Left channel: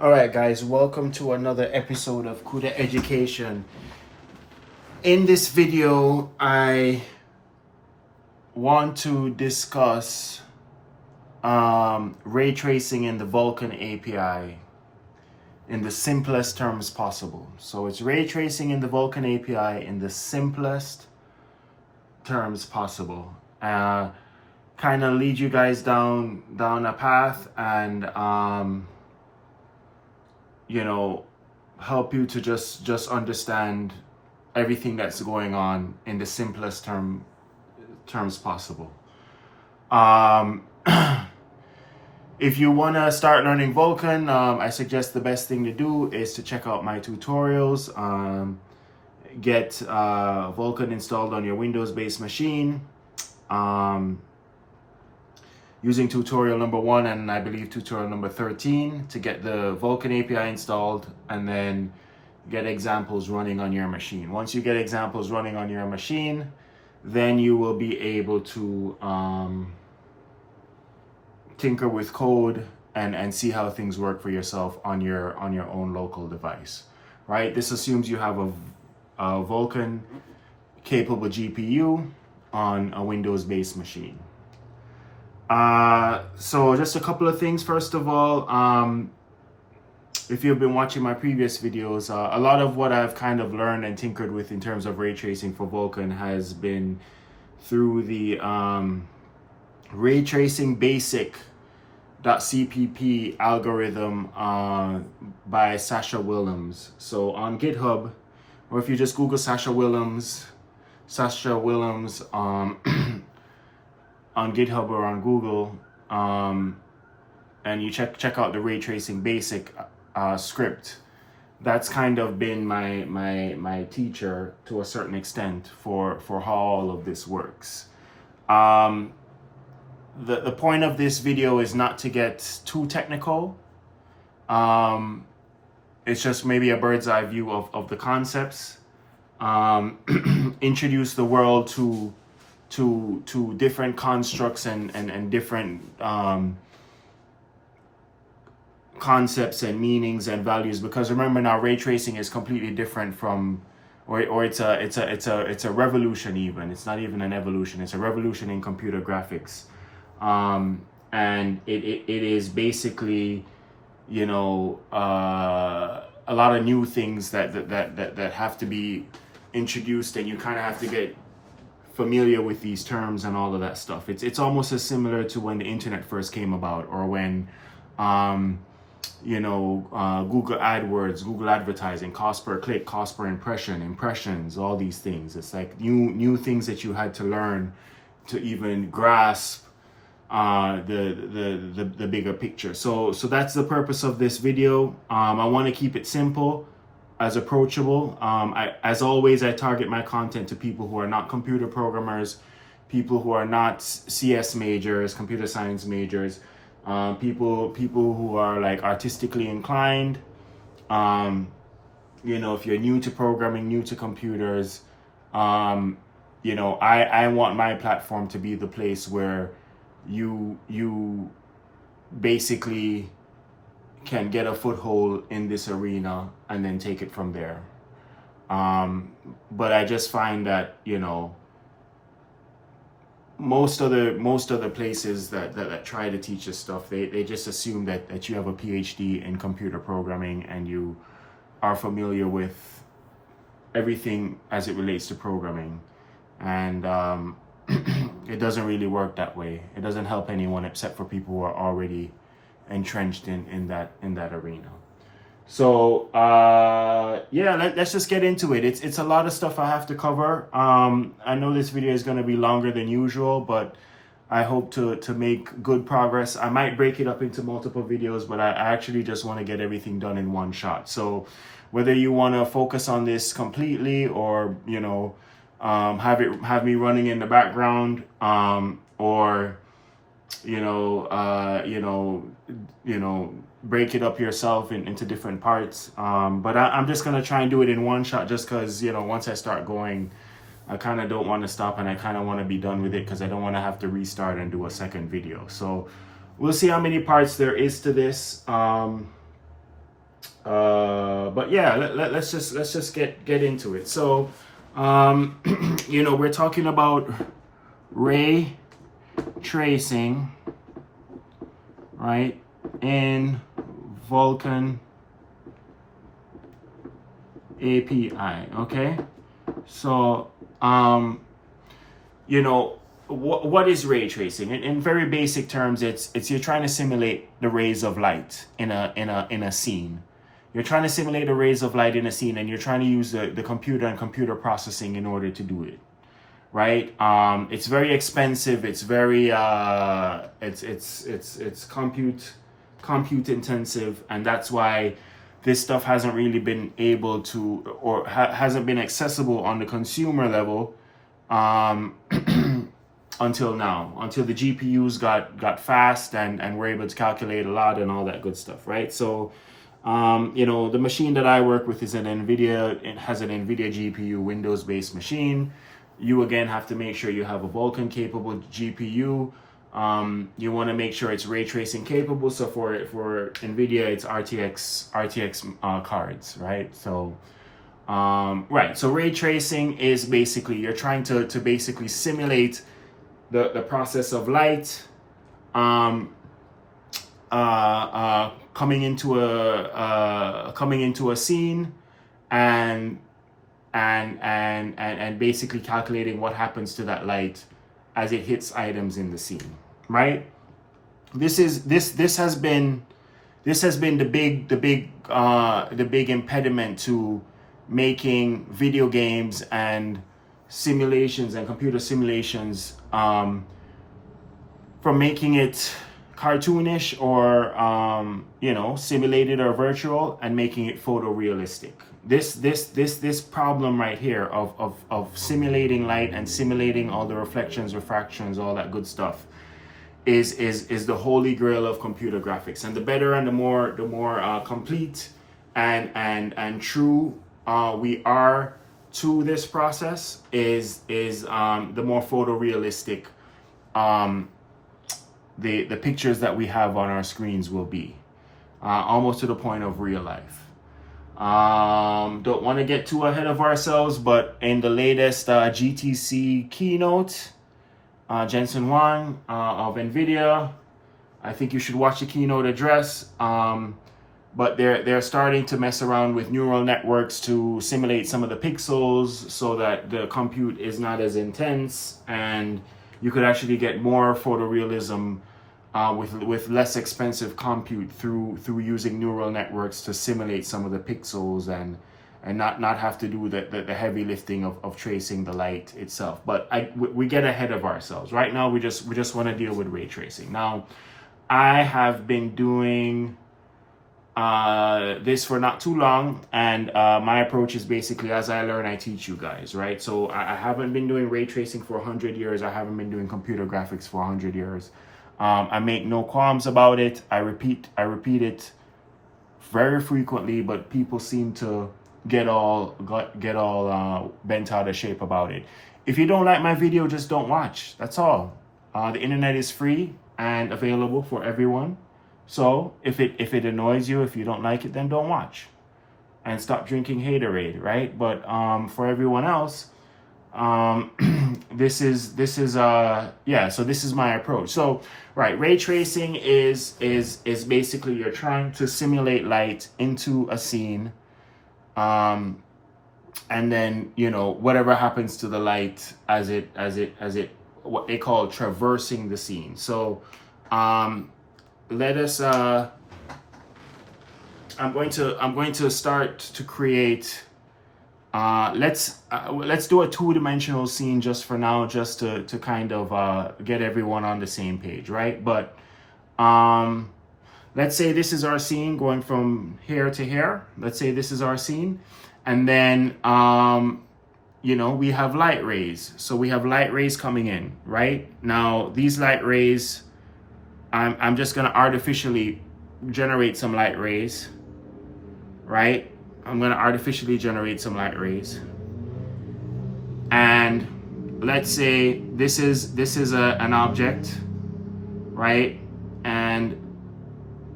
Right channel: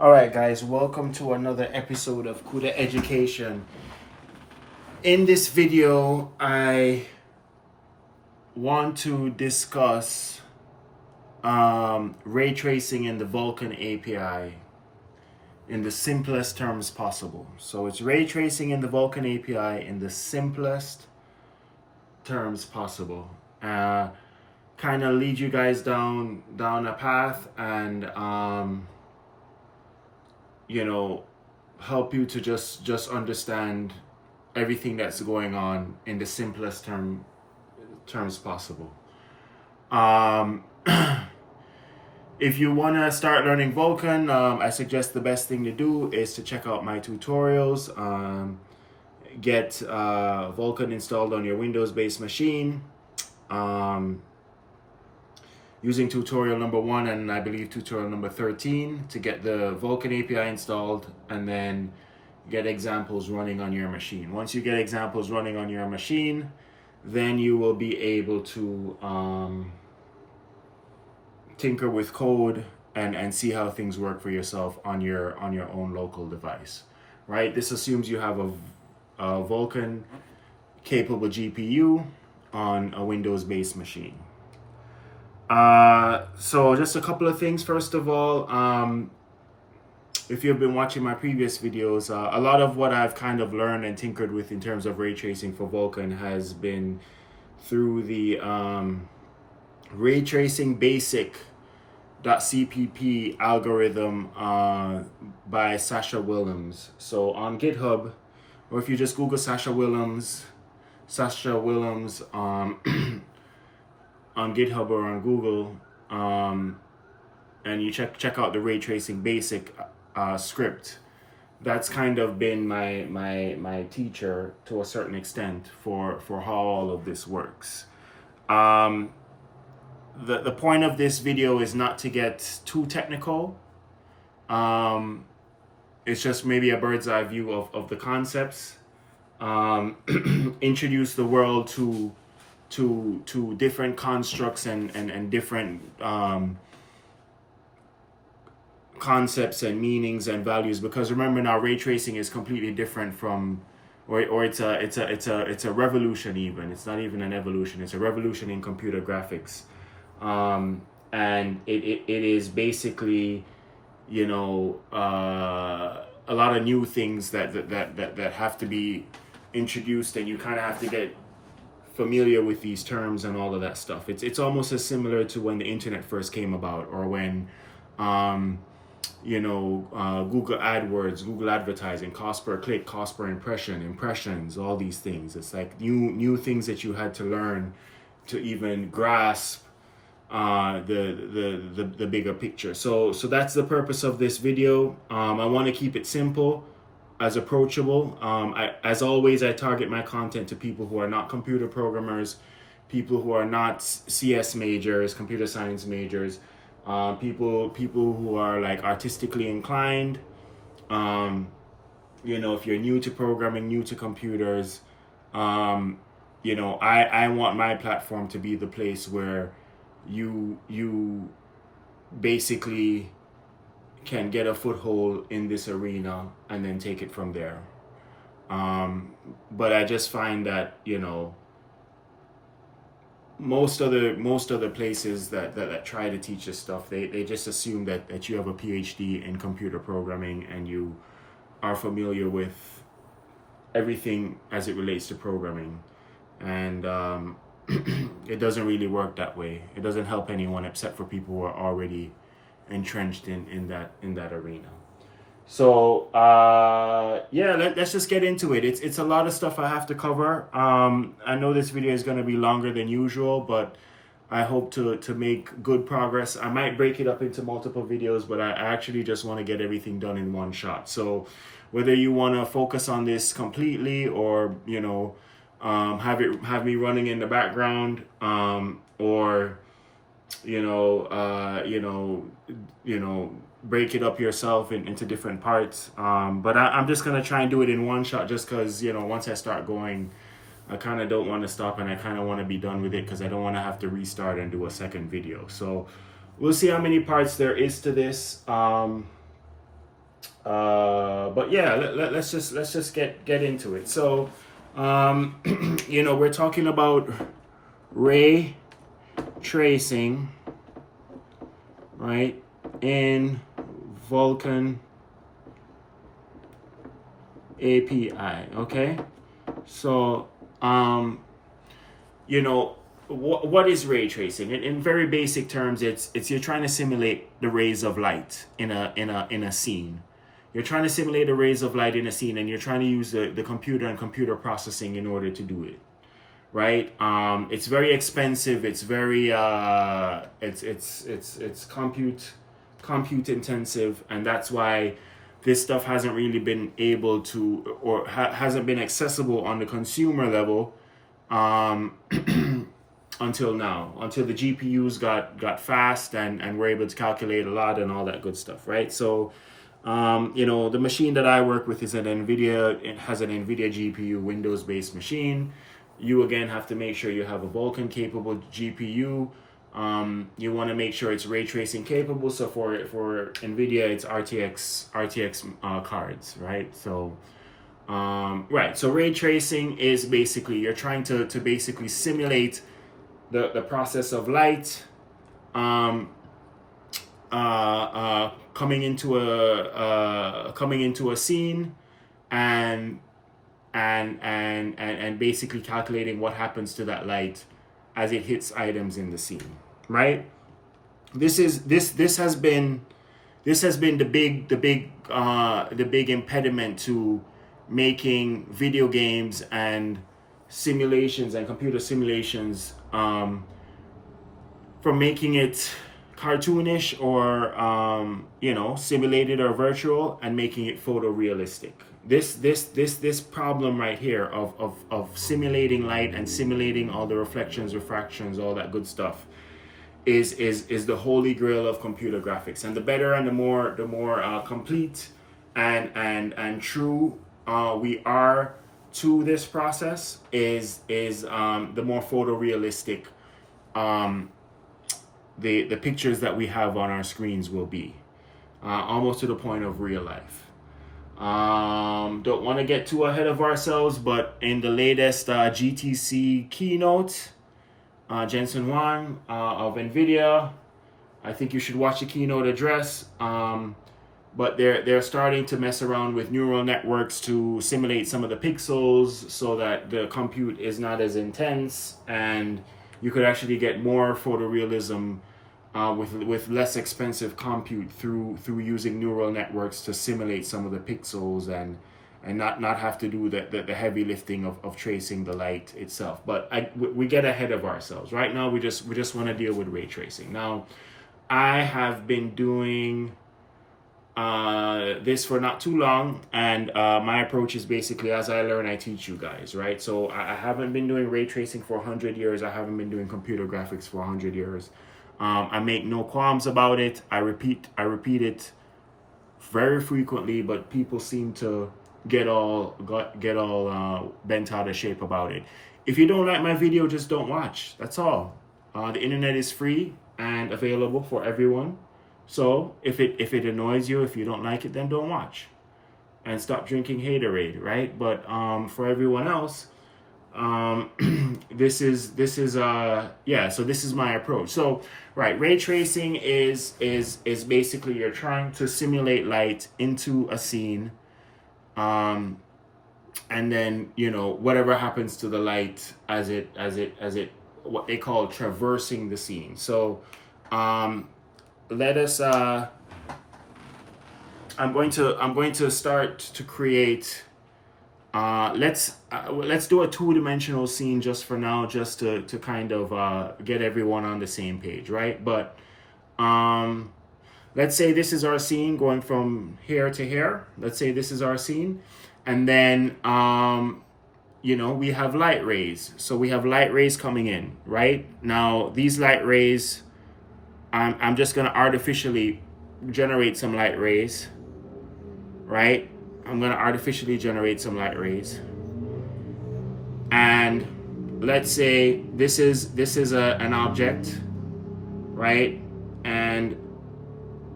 Alright guys, welcome to another episode of Cuda Education. In this video, I want to discuss ray tracing in the Vulkan API in the simplest terms possible. So it's ray tracing in the Vulkan API in the simplest terms possible. Kind of lead you guys down a path and help you to just understand everything that's going on in the simplest terms possible. If you want to start learning Vulkan, I suggest the best thing to do is to check out my tutorials. Get Vulkan installed on your Windows-based machine. Using tutorial number 1 and I believe tutorial number 13 to get the Vulkan API installed, and then get examples running on your machine. Once you get examples running on your machine, then you will be able to tinker with code and see how things work for yourself on your own local device, right? This assumes you have a Vulkan-capable GPU on a Windows-based machine. So just a couple of things. First of all, if you've been watching my previous videos, a lot of what I've kind of learned and tinkered with in terms of ray tracing for Vulkan has been through the raytracingbasic.cpp algorithm by Sascha Willems. So on GitHub, or if you just Google Sascha Willems on GitHub or on Google, and you check out the ray tracing basic script, that's kind of been my teacher to a certain extent for how all of this works. The point of this video is not to get too technical. It's just maybe a bird's eye view of the concepts. Introduce the world to different constructs and different concepts and meanings and values, because remember now, ray tracing is completely different from, or it's a revolution. Even it's not even an evolution, it's a revolution in computer graphics. And it is basically, a lot of new things that have to be introduced, and you kind of have to get familiar with these terms and all of that stuff. It's almost as similar to when the internet first came about, or when Google AdWords, Google advertising, cost per click, cost per impressions, all these things. It's like new things that you had to learn to even grasp the bigger picture. So that's the purpose of this video. I want to keep it simple, as approachable. As always, I target my content to people who are not computer programmers, people who are not CS majors, computer science majors, people who are like artistically inclined. If you're new to programming, new to computers, I want my platform to be the place where you basically can get a foothold in this arena and then take it from there. But I just find that, most other places that try to teach this stuff, they just assume that you have a PhD in computer programming and you are familiar with everything as it relates to programming. And it doesn't really work that way. It doesn't help anyone except for people who are already entrenched in that arena. So let's just get into it. It's a lot of stuff I have to cover. I know this video is going to be longer than usual, but I hope to make good progress. I might break it up into multiple videos, but I actually just want to get everything done in one shot. So whether you want to focus on this completely, or have me running in the background, or break it up yourself into different parts. But I'm just going to try and do it in one shot, just because, once I start going, I kind of don't want to stop, and I kind of want to be done with it because I don't want to have to restart and do a second video. So we'll see how many parts there is to this. But yeah, let's just get into it. So, you know, we're talking about ray tracing, right, in Vulkan API. Okay, so you know, what is ray tracing? In very basic terms, it's you're trying to simulate the rays of light in a scene. You're trying to simulate the rays of light in a scene, and you're trying to use the computer and computer processing in order to do it, right? It's very expensive. It's very it's compute intensive, and that's why this stuff hasn't really been able to, or hasn't been accessible on the consumer level until now, until the GPUs got fast and were able to calculate a lot and all that good stuff, right? So you know, the machine that I work with is an NVIDIA. It has an NVIDIA GPU, Windows-based machine. You again have to make sure you have a Vulkan-capable GPU. You want to make sure it's ray tracing capable. So for NVIDIA, it's RTX cards, right? So right. So ray tracing is basically you're trying to basically simulate the process of light coming into a scene and basically calculating what happens to that light as it hits items in the scene, right? This has been the big impediment to making video games and simulations and computer simulations, from making it cartoonish or you know, simulated or virtual, and making it photorealistic. This problem right here of simulating light and simulating all the reflections, refractions, all that good stuff is the holy grail of computer graphics. And the better and the more complete and true we are to this process is the more photorealistic the pictures that we have on our screens will be, almost to the point of real life. Don't want to get too ahead of ourselves, but in the latest GTC keynote, Jensen Huang of NVIDIA, I think you should watch the keynote address. But they're starting to mess around with neural networks to simulate some of the pixels so that the compute is not as intense, and you could actually get more photorealism with less expensive compute through using neural networks to simulate some of the pixels and not have to do the heavy lifting of tracing the light itself. But we get ahead of ourselves. Right now we just want to deal with ray tracing. Now, I have been doing this for not too long, and my approach is basically, as I learn, I teach you guys, right? So I haven't been doing ray tracing for 100 years. I haven't been doing computer graphics for 100 years. I make no qualms about it. I repeat it very frequently, but people seem to get all bent out of shape about it. If you don't like my video, just don't watch. That's all. The internet is free and available for everyone. So if it annoys you, if you don't like it, then don't watch and stop drinking haterade, right? But for everyone else, this is yeah, so this is my approach. So right, ray tracing is basically you're trying to simulate light into a scene, and then, you know, whatever happens to the light as it what they call traversing the scene. So let us I'm going to start to create let's do a two-dimensional scene just for now, just to kind of get everyone on the same page, right? But let's say this is our scene going from here to here. Let's say this is our scene, and then you know, we have light rays. So we have light rays coming in, right? Now these light rays, I'm just gonna artificially generate some light rays, right? I'm gonna artificially generate some light rays. And let's say this is an object, right? And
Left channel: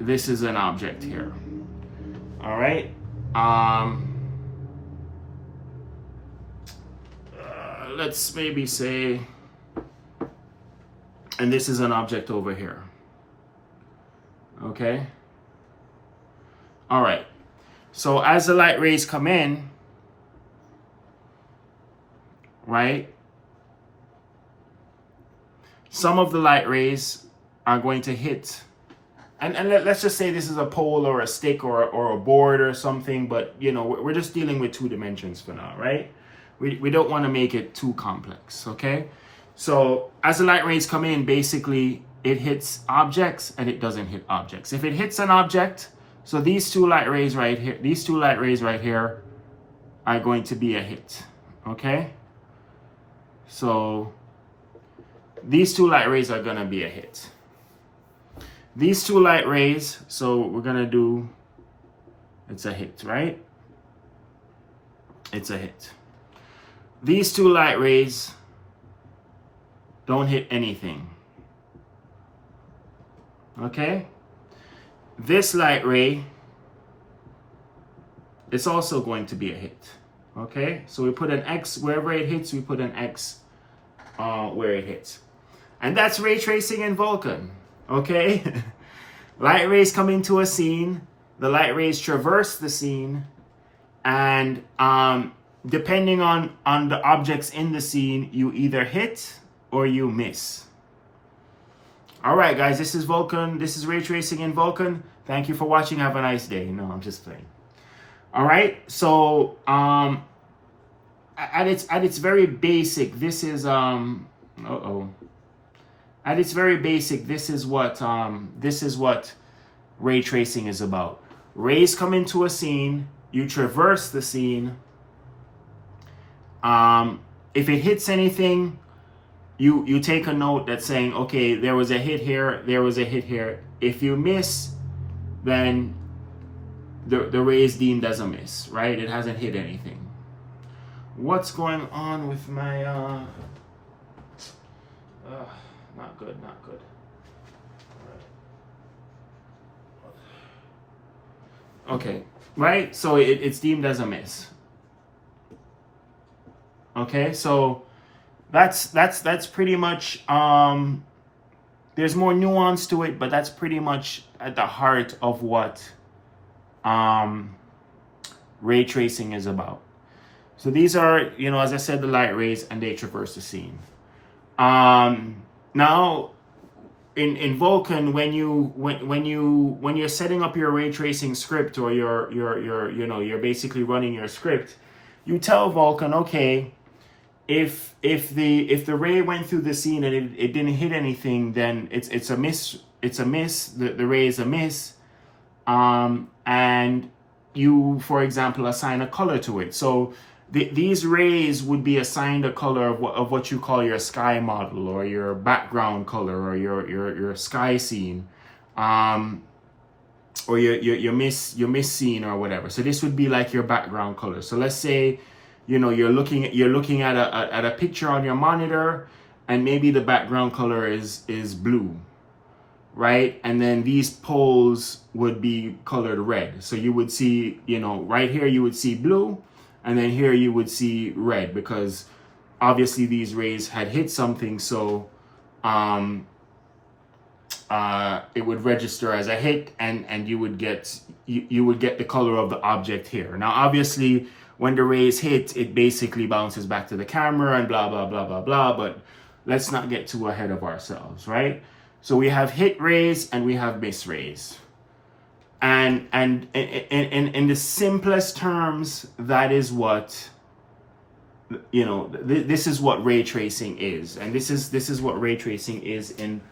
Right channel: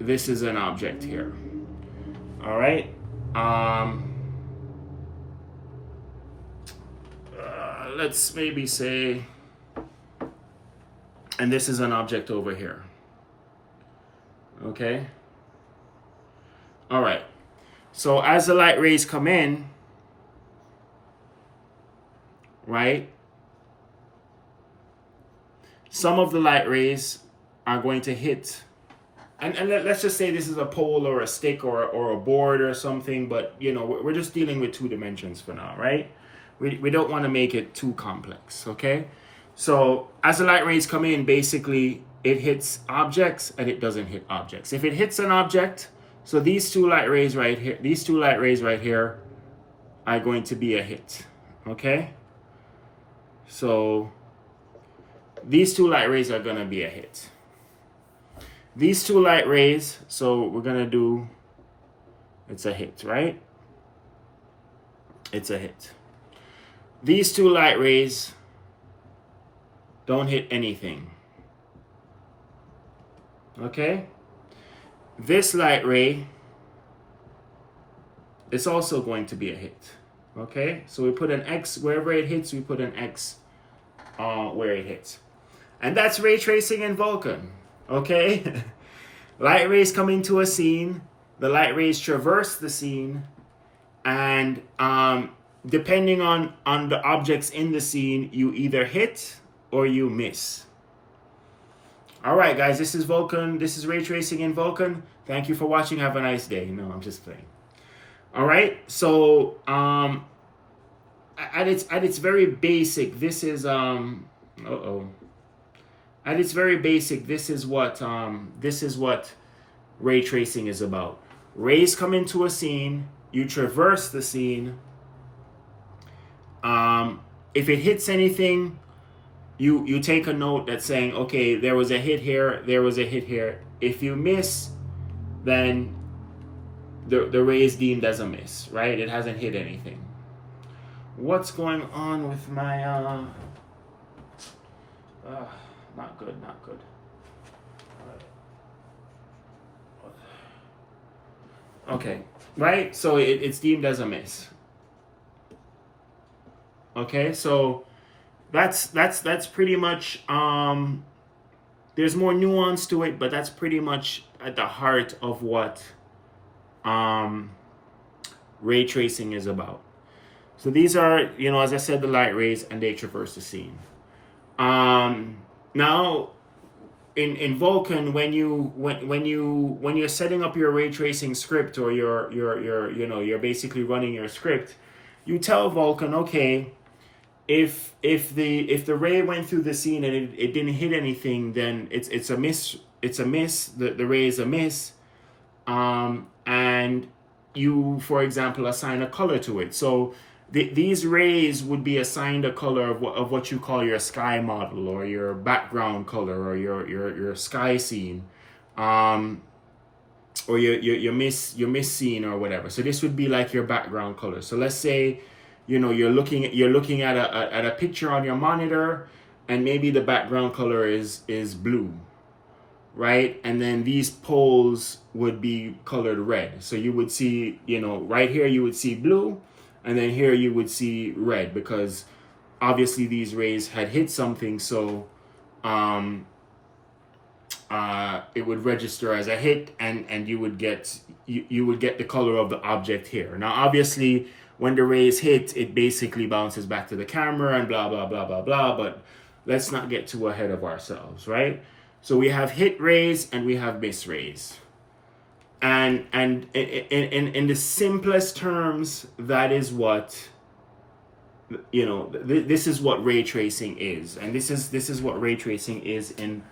this is an object here. All right. Let's maybe say, and this is an object over here. Okay. All right. So as the light rays come in, right, some of the light rays are going to hit, and let's just say this is a pole or a stick or a board or something, but you know, we're just dealing with 2 dimensions for now, right? We don't want to make it too complex, okay? So as the light rays come in, basically it hits objects and it doesn't hit objects. If it hits an object, so these 2 light rays right here, these 2 light rays right here are going to be a hit, okay? So these 2 light rays are gonna be a hit. These 2 light rays, so we're gonna do, it's a hit, right? It's a hit. These 2 light rays don't hit anything. Okay? This light ray is also going to be a hit. Okay? So we put an X wherever it hits, we put an X where it hits. And that's ray tracing in Vulkan. Okay? Light rays come into a scene, the light rays traverse the scene, and depending on the objects in the scene, you either hit or you miss. All right, guys, this is Vulkan. This is ray tracing in Vulkan. Thank you for watching. Have a nice day. No, I'm just playing. All right, so at its very basic, this is At its very basic, this is what ray tracing is about. Rays come into a scene, you traverse the scene. If it hits anything, you take a note that's saying, okay, there was a hit here, there was a hit here. If you miss, then the ray is deemed as a miss, right? It hasn't hit anything. What's going on with my not good, not good. Okay, right? So it's deemed as a miss. Okay, so that's pretty much there's more nuance to it, but that's pretty much at the heart of what ray tracing is about. So these are, you know, as I said, the light rays, and they traverse the scene. Now in Vulkan, when you're setting up your ray tracing script, or you're basically running your script, you tell Vulkan, okay, if the ray went through the scene and it didn't hit anything, then it's a miss. It's a miss. The ray is a miss. And you, for example, assign a color to it. So these rays would be assigned a color of what you call your sky model, or your background color, or your sky scene, or your miss scene, or whatever. So this would be like your background color. So let's say, you know, you're looking at a picture on your monitor, and maybe the background color is blue, right? And then these poles would be colored red. So you would see, you know, right here you would see blue, and then here you would see red, because obviously these rays had hit something, so it would register as a hit, and you would get the color of the object here. Now obviously when the rays hit, it basically bounces back to the camera and blah blah blah blah blah, but let's not get too ahead of ourselves, right? So we have hit rays and we have miss rays. And in the simplest terms, that is what, you know, this is what ray tracing is, and this is what ray tracing is in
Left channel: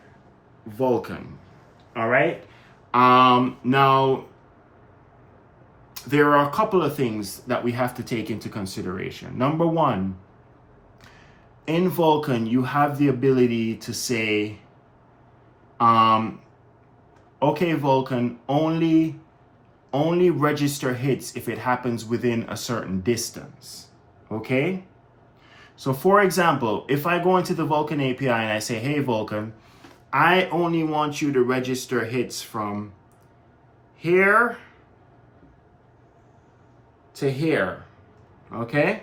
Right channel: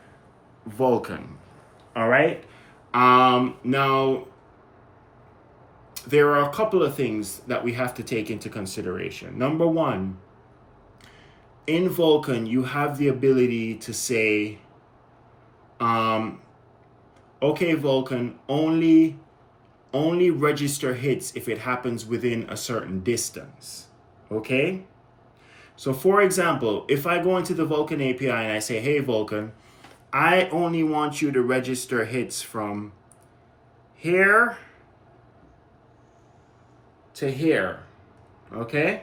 Vulkan. All right. Now there are a couple of things that we have to take into consideration. Number one, in Vulkan, you have the ability to say, okay, Vulkan, only register hits if it happens within a certain distance. Okay? So for example, if I go into the Vulkan API and I say, hey Vulkan, I only want you to register hits from here to here, okay?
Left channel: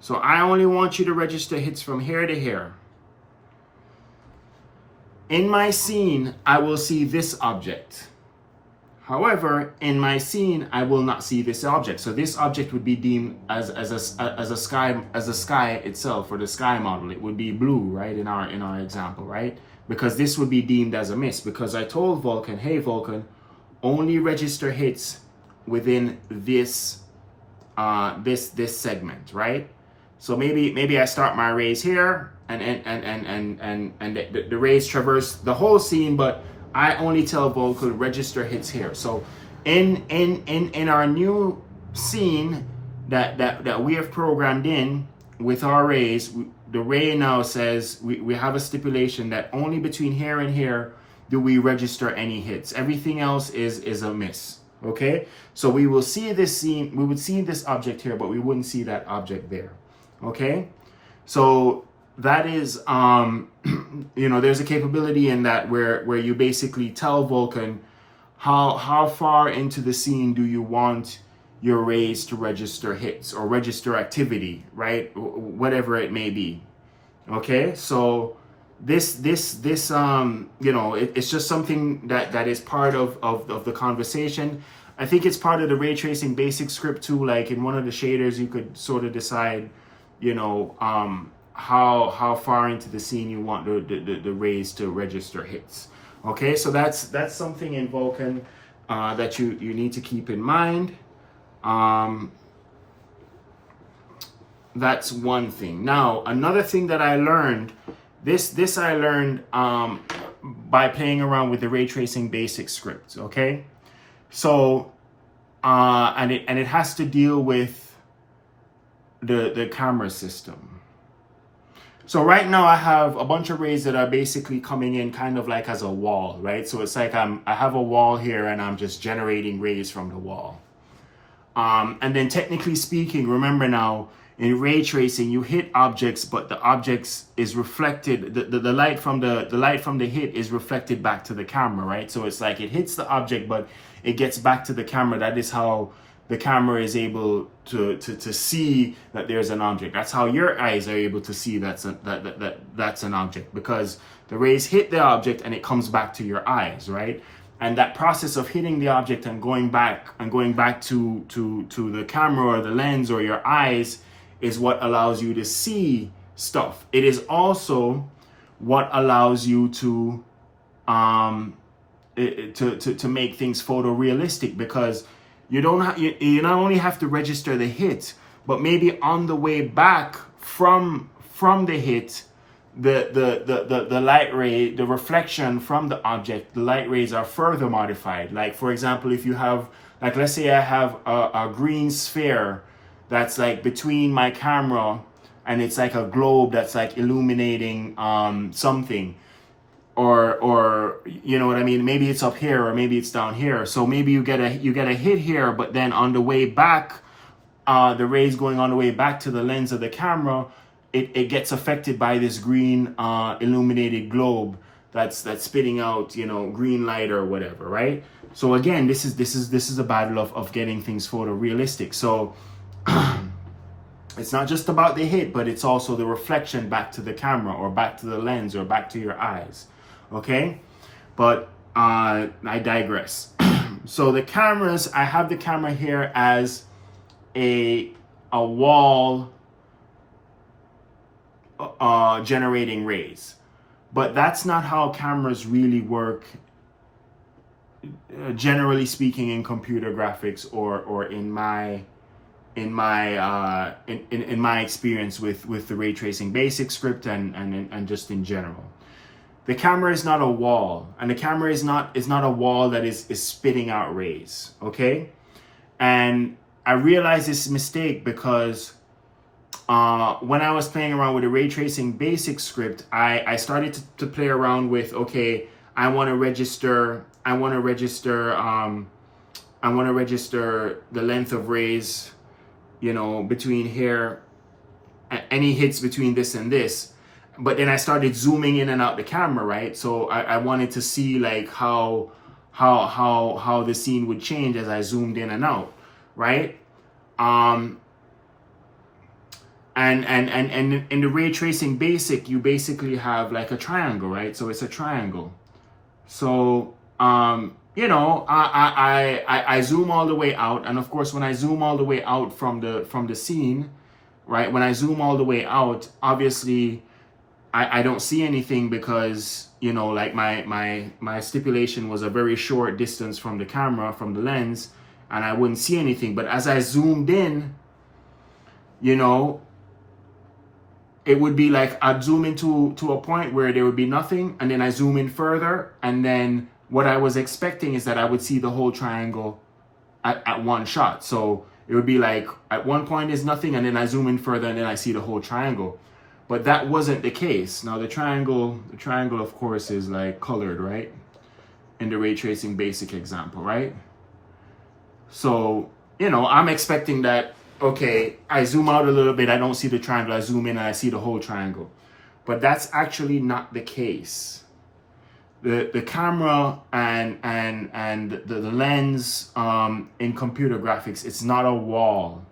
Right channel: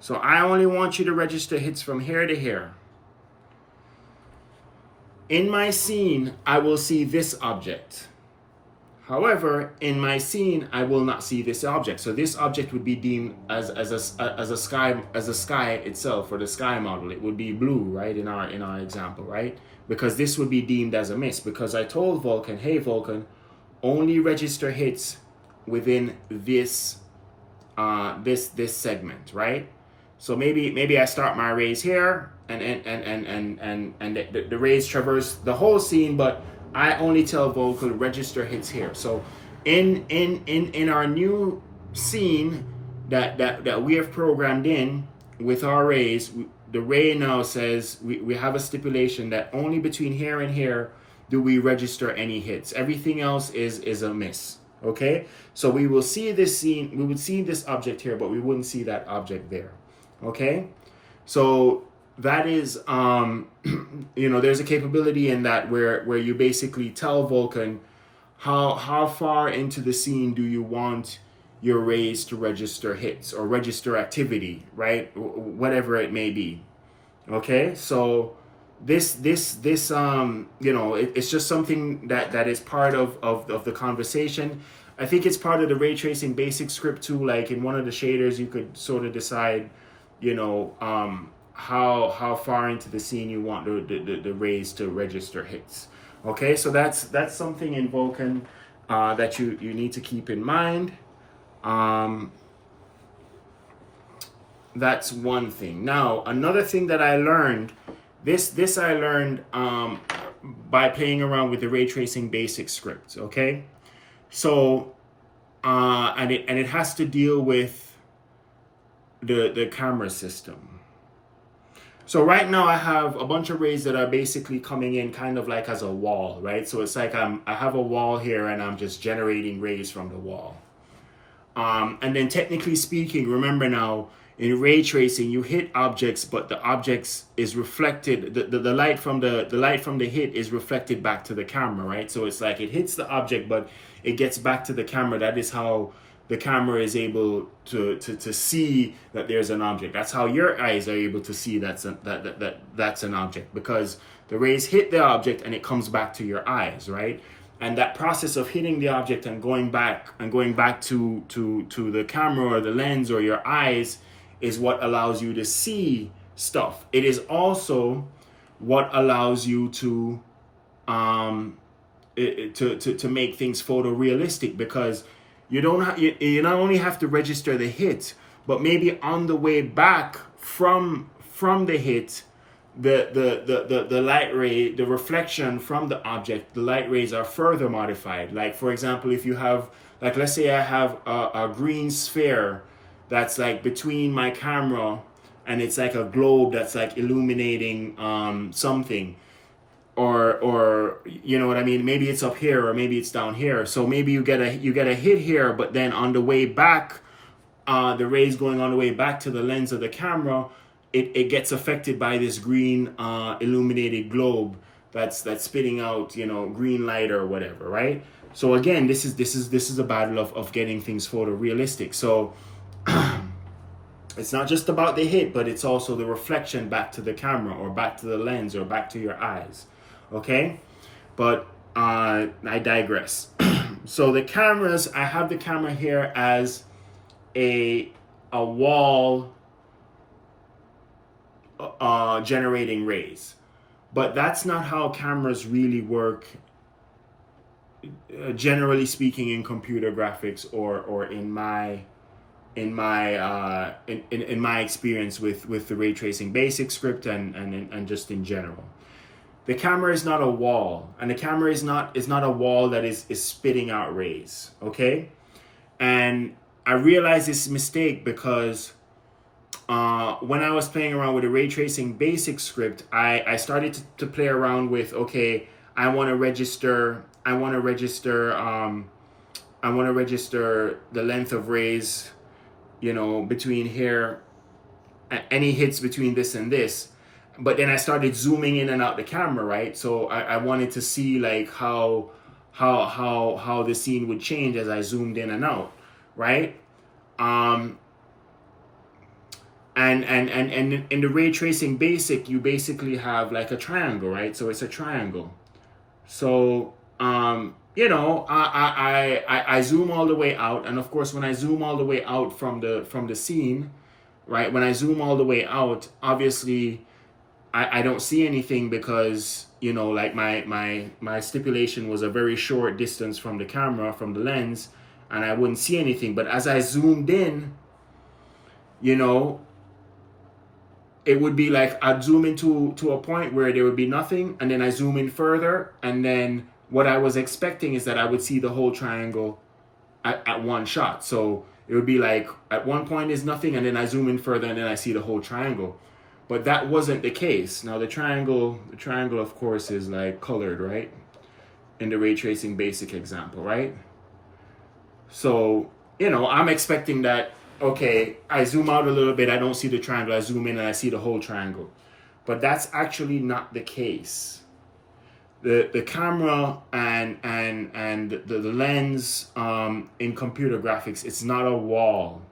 So I only want you to register hits from here to here. In my scene, I will see this object. However, in my scene, I will not see this object. So this object would be deemed as a sky itself, or the sky model. It would be blue, right? In our example, right? Because this would be deemed as a miss. Because I told Vulkan, hey Vulkan, only register hits within this this segment, right? So maybe I start my rays here, and the rays traverse the whole scene, but I only tell Vulkan register hits here. So in our new scene that we have programmed in with our rays, the ray now says we have a stipulation that only between here and here do we register any hits. Everything else is a miss. Okay, so we will see this scene, we would see this object here, but we wouldn't see that object there. Okay, so that is you know, there's a capability in that where you basically tell Vulkan how far into the scene do you want your rays to register hits or register activity, right? Whatever it may be. Okay, so this you know, it's just something that is part of the conversation. I think it's part of the ray tracing basic script too. Like in one of the shaders, you could sort of decide, you know, how far into the scene you want the rays to register hits. Okay, so that's something in Vulkan that you need to keep in mind. That's one thing. Now, another thing that I learned, this I learned by playing around with the ray tracing basic script. Okay, so and it has to deal with the camera system. So right now I have a bunch of rays that are basically coming in kind of like as a wall, right? So it's like I have a wall here and I'm just generating rays from the wall. And then technically speaking, remember now, in ray tracing, you hit objects, but the objects is reflected. The light from the hit is reflected back to the camera, right? So it's like it hits the object, but it gets back to the camera. That is how the camera is able to see that there's an object. That's how your eyes are able to see that's an object, because the rays hit the object and it comes back to your eyes, right? And that process of hitting the object and going back to the camera or the lens or your eyes is what allows you to see stuff. It is also what allows you to make things photorealistic, because you not only have to register the hit, but maybe on the way back from the hit, the light ray, the reflection from the object, the light rays are further modified. Like for example, if you have, like let's say I have a green sphere that's like between my camera and it's like a globe that's like illuminating something, or you know what I mean, maybe it's up here or maybe it's down here. So maybe you get a hit here, but then on the way back, the rays going on the way back to the lens of the camera, it gets affected by this green illuminated globe that's spitting out, you know, green light or whatever, right? So again, this is a battle of getting things photorealistic. So it's not just about the hit, but it's also the reflection back to the camera or back to the lens or back to your eyes. Okay, but I digress. So the cameras, I have the camera here as a wall generating rays, but that's not how cameras really work, generally speaking, in computer graphics or in my experience with the ray tracing basic script and just in general. The camera is not a wall, and the camera is not a wall that is spitting out rays. Okay, and I realized this mistake because when I was playing around with the ray tracing basic script, I started to play around with, okay, I want to register the length of rays, you know, between here, any hits between this and this. But then I started zooming in and out the camera, right? So I wanted to see like how the scene would change as I zoomed in and out, right? And in the ray tracing basic, you basically have like a triangle, right? So it's a triangle. So you know, I zoom all the way out, and of course, when I zoom all the way out from the scene, right? When I zoom all the way out, obviously, I don't see anything because, you know, like my stipulation was a very short distance from the camera, from the lens, and I wouldn't see anything. But as I zoomed in, you know, it would be like I'd zoom into to a point where there would be nothing, and then I zoom in further, and then what I was expecting is that I would see the whole triangle at one shot. So it would be like at one point is nothing, and then I zoom in further, and then I see the whole triangle. But that wasn't the case. Now the triangle of course is like colored, right? In the ray tracing basic example, right? So, you know, I'm expecting that, okay, I zoom out a little bit, I don't see the triangle, I zoom in and I see the whole triangle. But that's actually not the case. The camera and the lens in computer graphics, it's not a wall.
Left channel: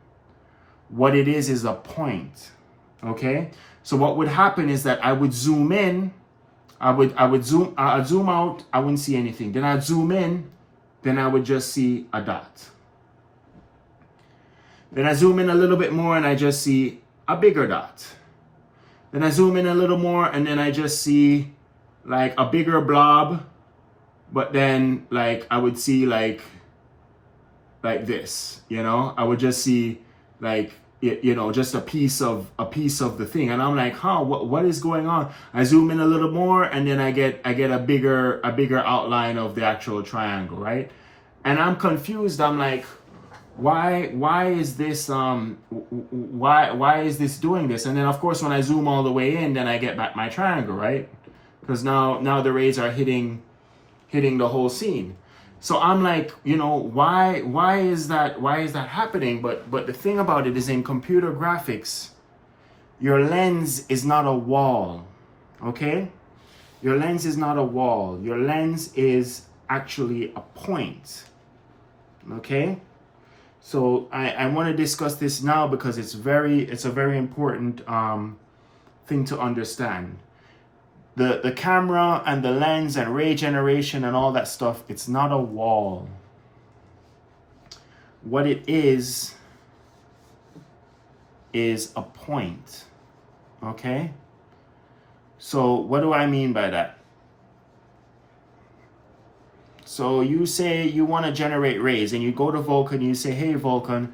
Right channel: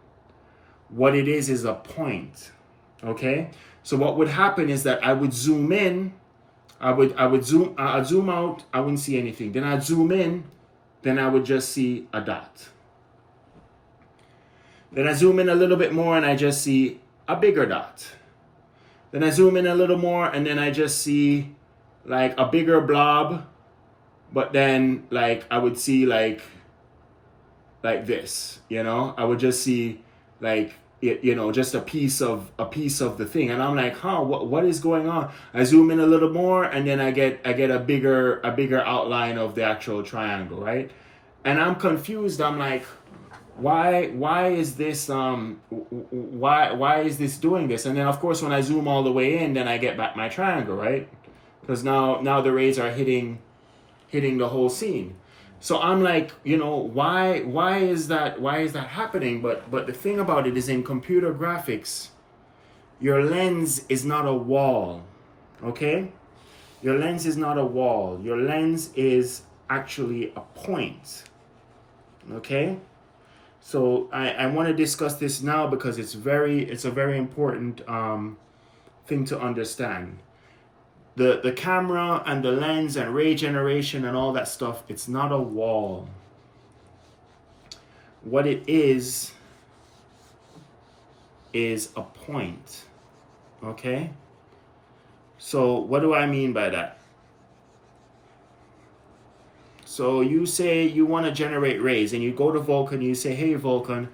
What it is a point. Okay? So what would happen is that I would zoom in, I'd zoom out, I wouldn't see anything. Then I'd zoom in, then I would just see a dot. Then I zoom in a little bit more and I just see a bigger dot. Then I zoom in a little more and then I just see like a bigger blob, but then like I would see like this, you know, I would just see like, you know, just a piece of the thing, and I'm like, huh, what is going on? I zoom in a little more and then I get a bigger outline of the actual triangle, right? And I'm confused. I'm like, why is this why is this doing this? And then of course when I zoom all the way in, then I get back my triangle, right? Because now the rays are hitting the whole scene. So I'm like, you know, why is that happening? But the thing about it is, in computer graphics, your lens is not a wall. Okay? Your lens is not a wall. Your lens is actually a point. Okay? So I want to discuss this now because it's a very important thing to understand. The camera and the lens and ray generation and all that stuff, it's not a wall. What it is a point. Okay? So what do I mean by that? So you say you want to generate rays, and you go to Vulkan and you say, hey Vulkan,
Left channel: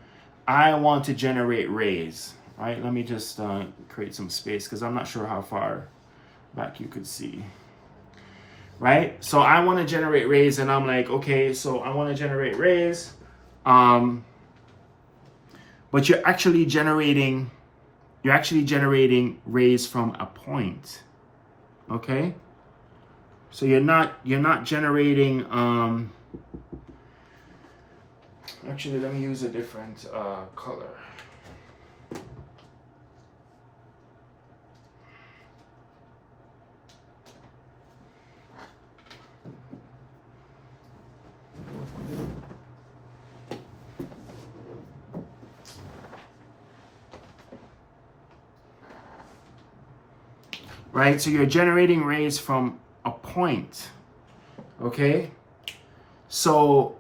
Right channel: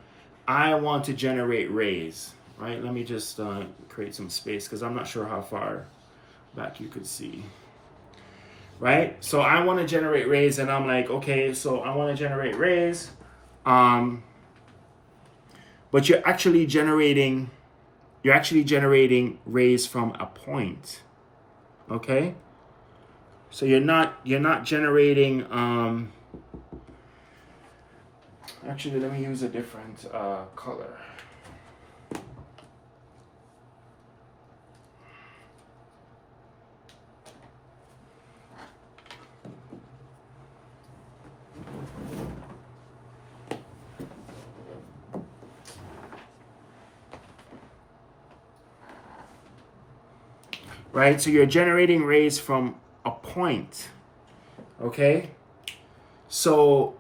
I want to generate rays. All right, let me just create some space because I'm not sure how far back you could see. Right? So I want to generate rays, and I'm like, okay, so I want to generate rays. But you're actually generating rays from a point. Okay? So you're not generating actually, let me use a different color. Right? So you're generating rays from a point. Okay? So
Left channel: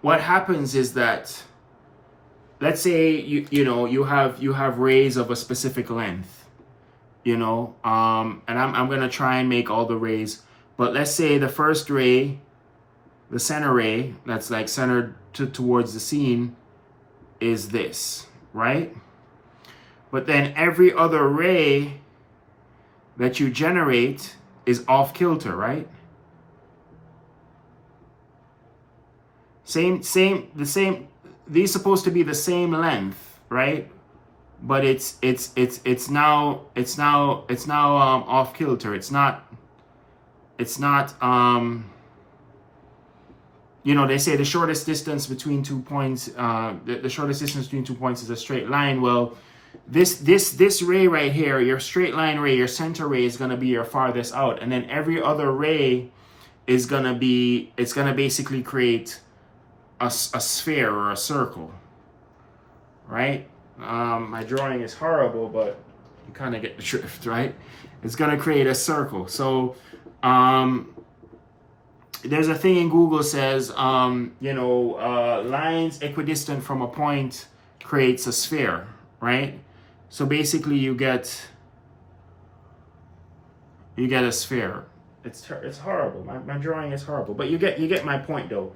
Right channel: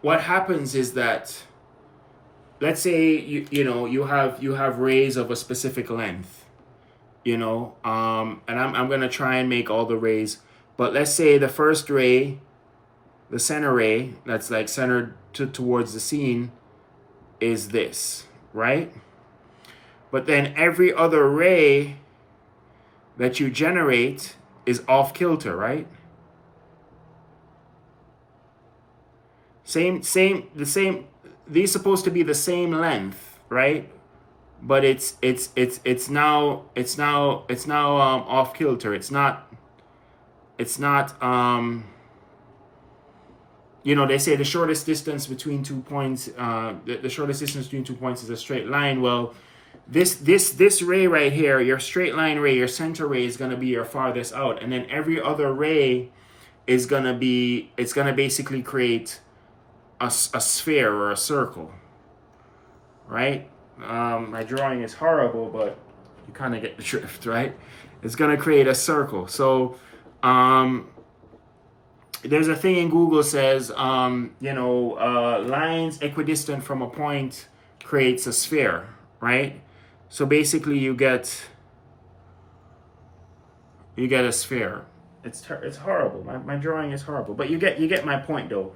what happens is that, let's say you have rays of a specific length, you know, and I'm going to try and make all the rays, but let's say the first ray, the center ray that's like centered towards the scene, is this, right? But then every other ray that you generate is off kilter, right? These supposed to be the same length, right? But it's now off kilter. It's not you know, they say the shortest distance between 2 points, the shortest distance between 2 points is a straight line. Well, this ray right here, your straight line ray, your center ray, is going to be your farthest out, and then every other ray is going to be, it's going to basically create a sphere or a circle, right? My drawing is horrible, but you kind of get the drift, right? It's going to create a circle. So there's a thing in Google says, lines equidistant from a point creates a sphere, right? So basically you get a sphere. It's horrible. My drawing is horrible, but you get my point though.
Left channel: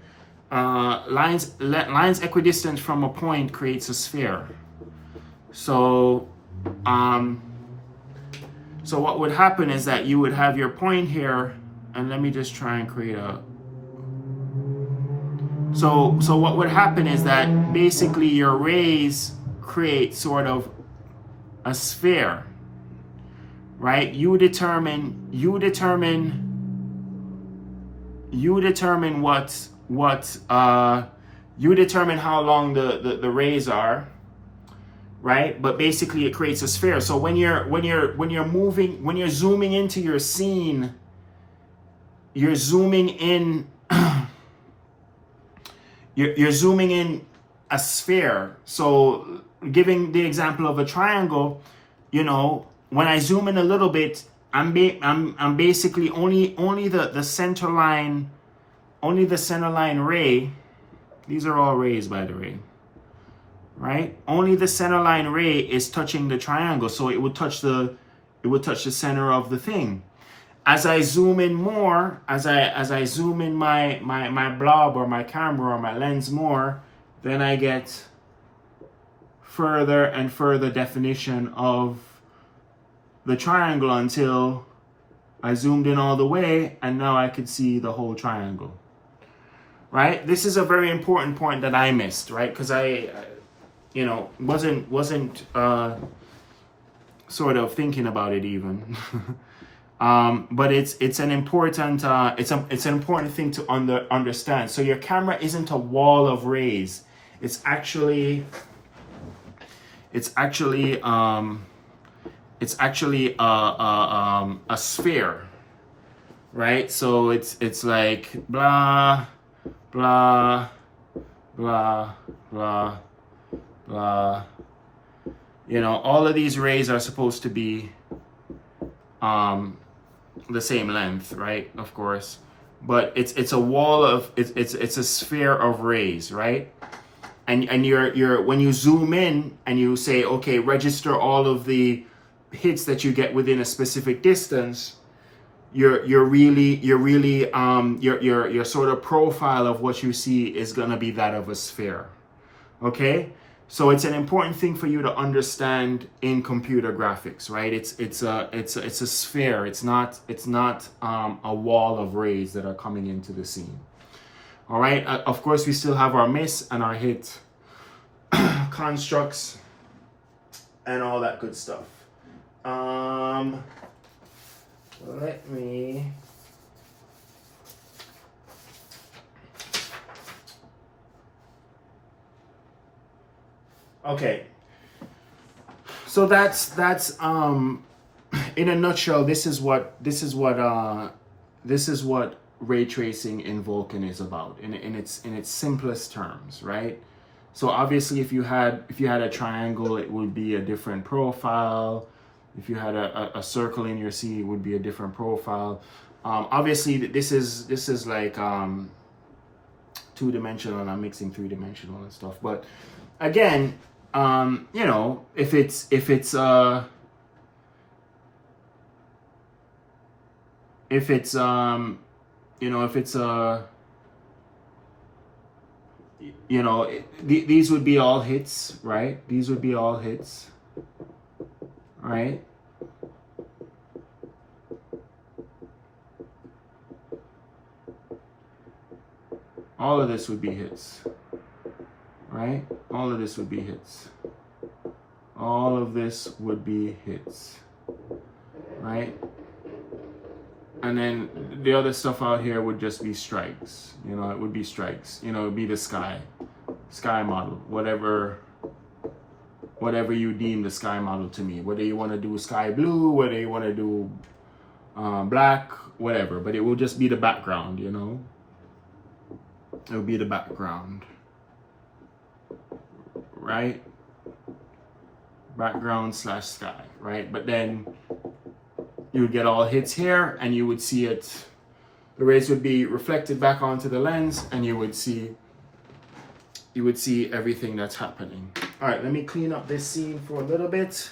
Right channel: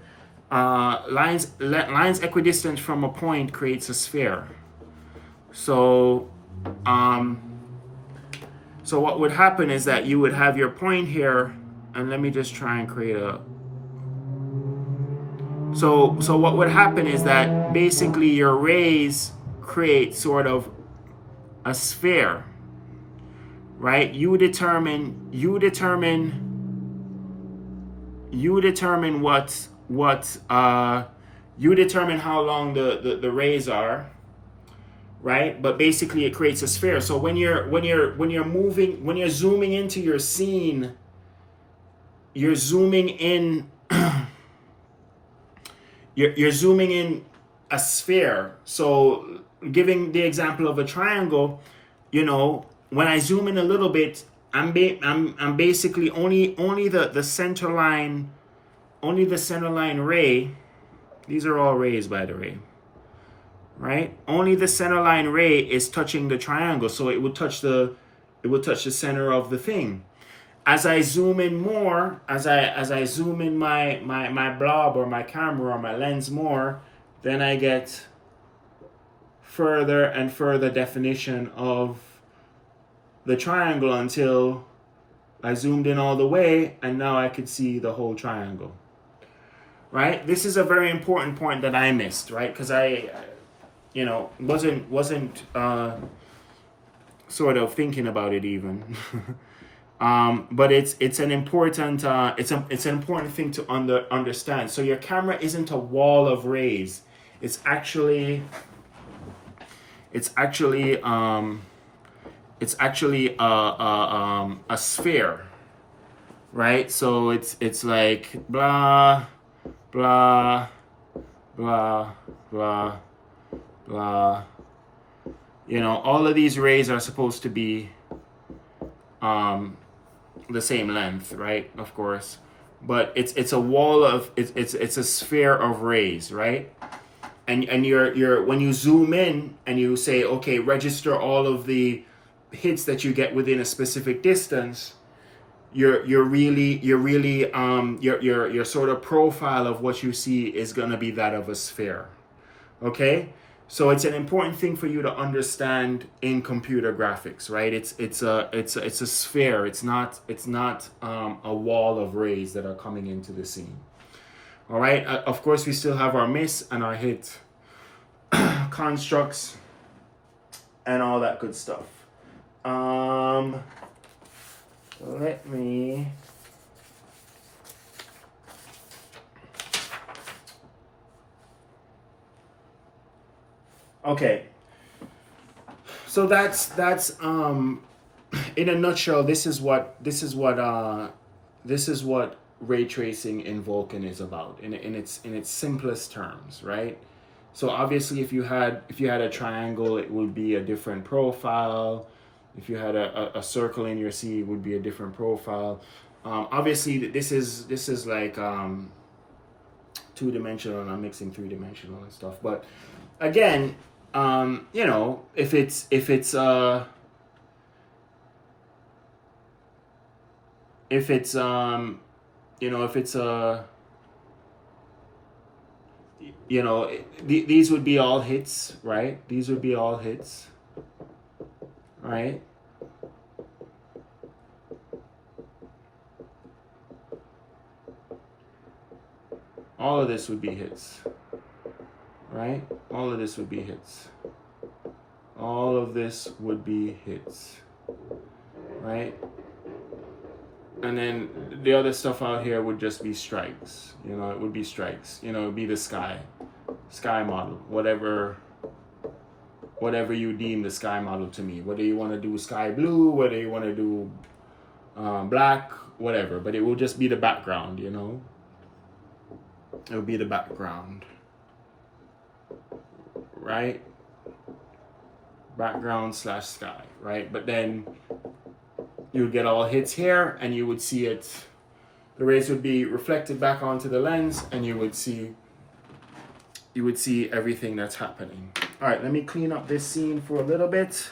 Lines equidistant from a point creates a sphere. So so what would happen is that you would have your point here, and let me just try and create a. So what would happen is that basically your rays create sort of a sphere, right? You determine how long the rays are, right? But basically it creates a sphere. So when you're zooming into your scene, you're zooming in you're zooming in a sphere. So giving the example of a triangle, when I zoom in a little bit, I'm basically only the center line, ray. These are all rays, by the way, right? Only the center line ray is touching the triangle, so it would touch the center of the thing. As I zoom in more, as I zoom in my blob or my camera or my lens more, then I get further and further definition of the triangle until I zoomed in all the way, and now I could see the whole triangle. Right? This is a very important point that I missed, right? Because I wasn't sort of thinking about it even. But it's an important thing to understand. So your camera isn't a wall of rays. It's actually a sphere, right? So it's like blah blah blah blah blah. All of these rays are supposed to be the same length, right? Of course, but it's a wall of it's a sphere of rays, right? And you're when you zoom in and you say, okay, register all of the hits that you get within a specific distance, your sort of profile of what you see is gonna be that of a sphere. Okay? So it's an important thing for you to understand in computer graphics, right? It's a sphere. It's not a wall of rays that are coming into the scene. All right. Of course, we still have our miss and our hit constructs and all that good stuff. Let me. Okay, so that's in a nutshell. This is what ray tracing in Vulkan is about in its simplest terms, right? So obviously, if you had a triangle, it would be a different profile. If you had a circle in your scene, it would be a different profile. Obviously, this is like 2-dimensional, and I'm mixing 3-dimensional and stuff, but again. If it's these would be all hits, right? These would be all hits, right? All of this would be hits. Right? All of this would be hits. All of this would be hits. Right? And then the other stuff out here would just be strikes. It would be strikes. It would be the sky model, whatever you deem the sky model to me. Whether you want to do sky blue, whether you want to do black, whatever. But it will just be the background, it would be the background, right? Background slash sky, right? But then you would get all hits here, and you would see it, the rays would be reflected back onto the lens, and you would see everything that's happening. All right, let me clean up this scene for a little bit,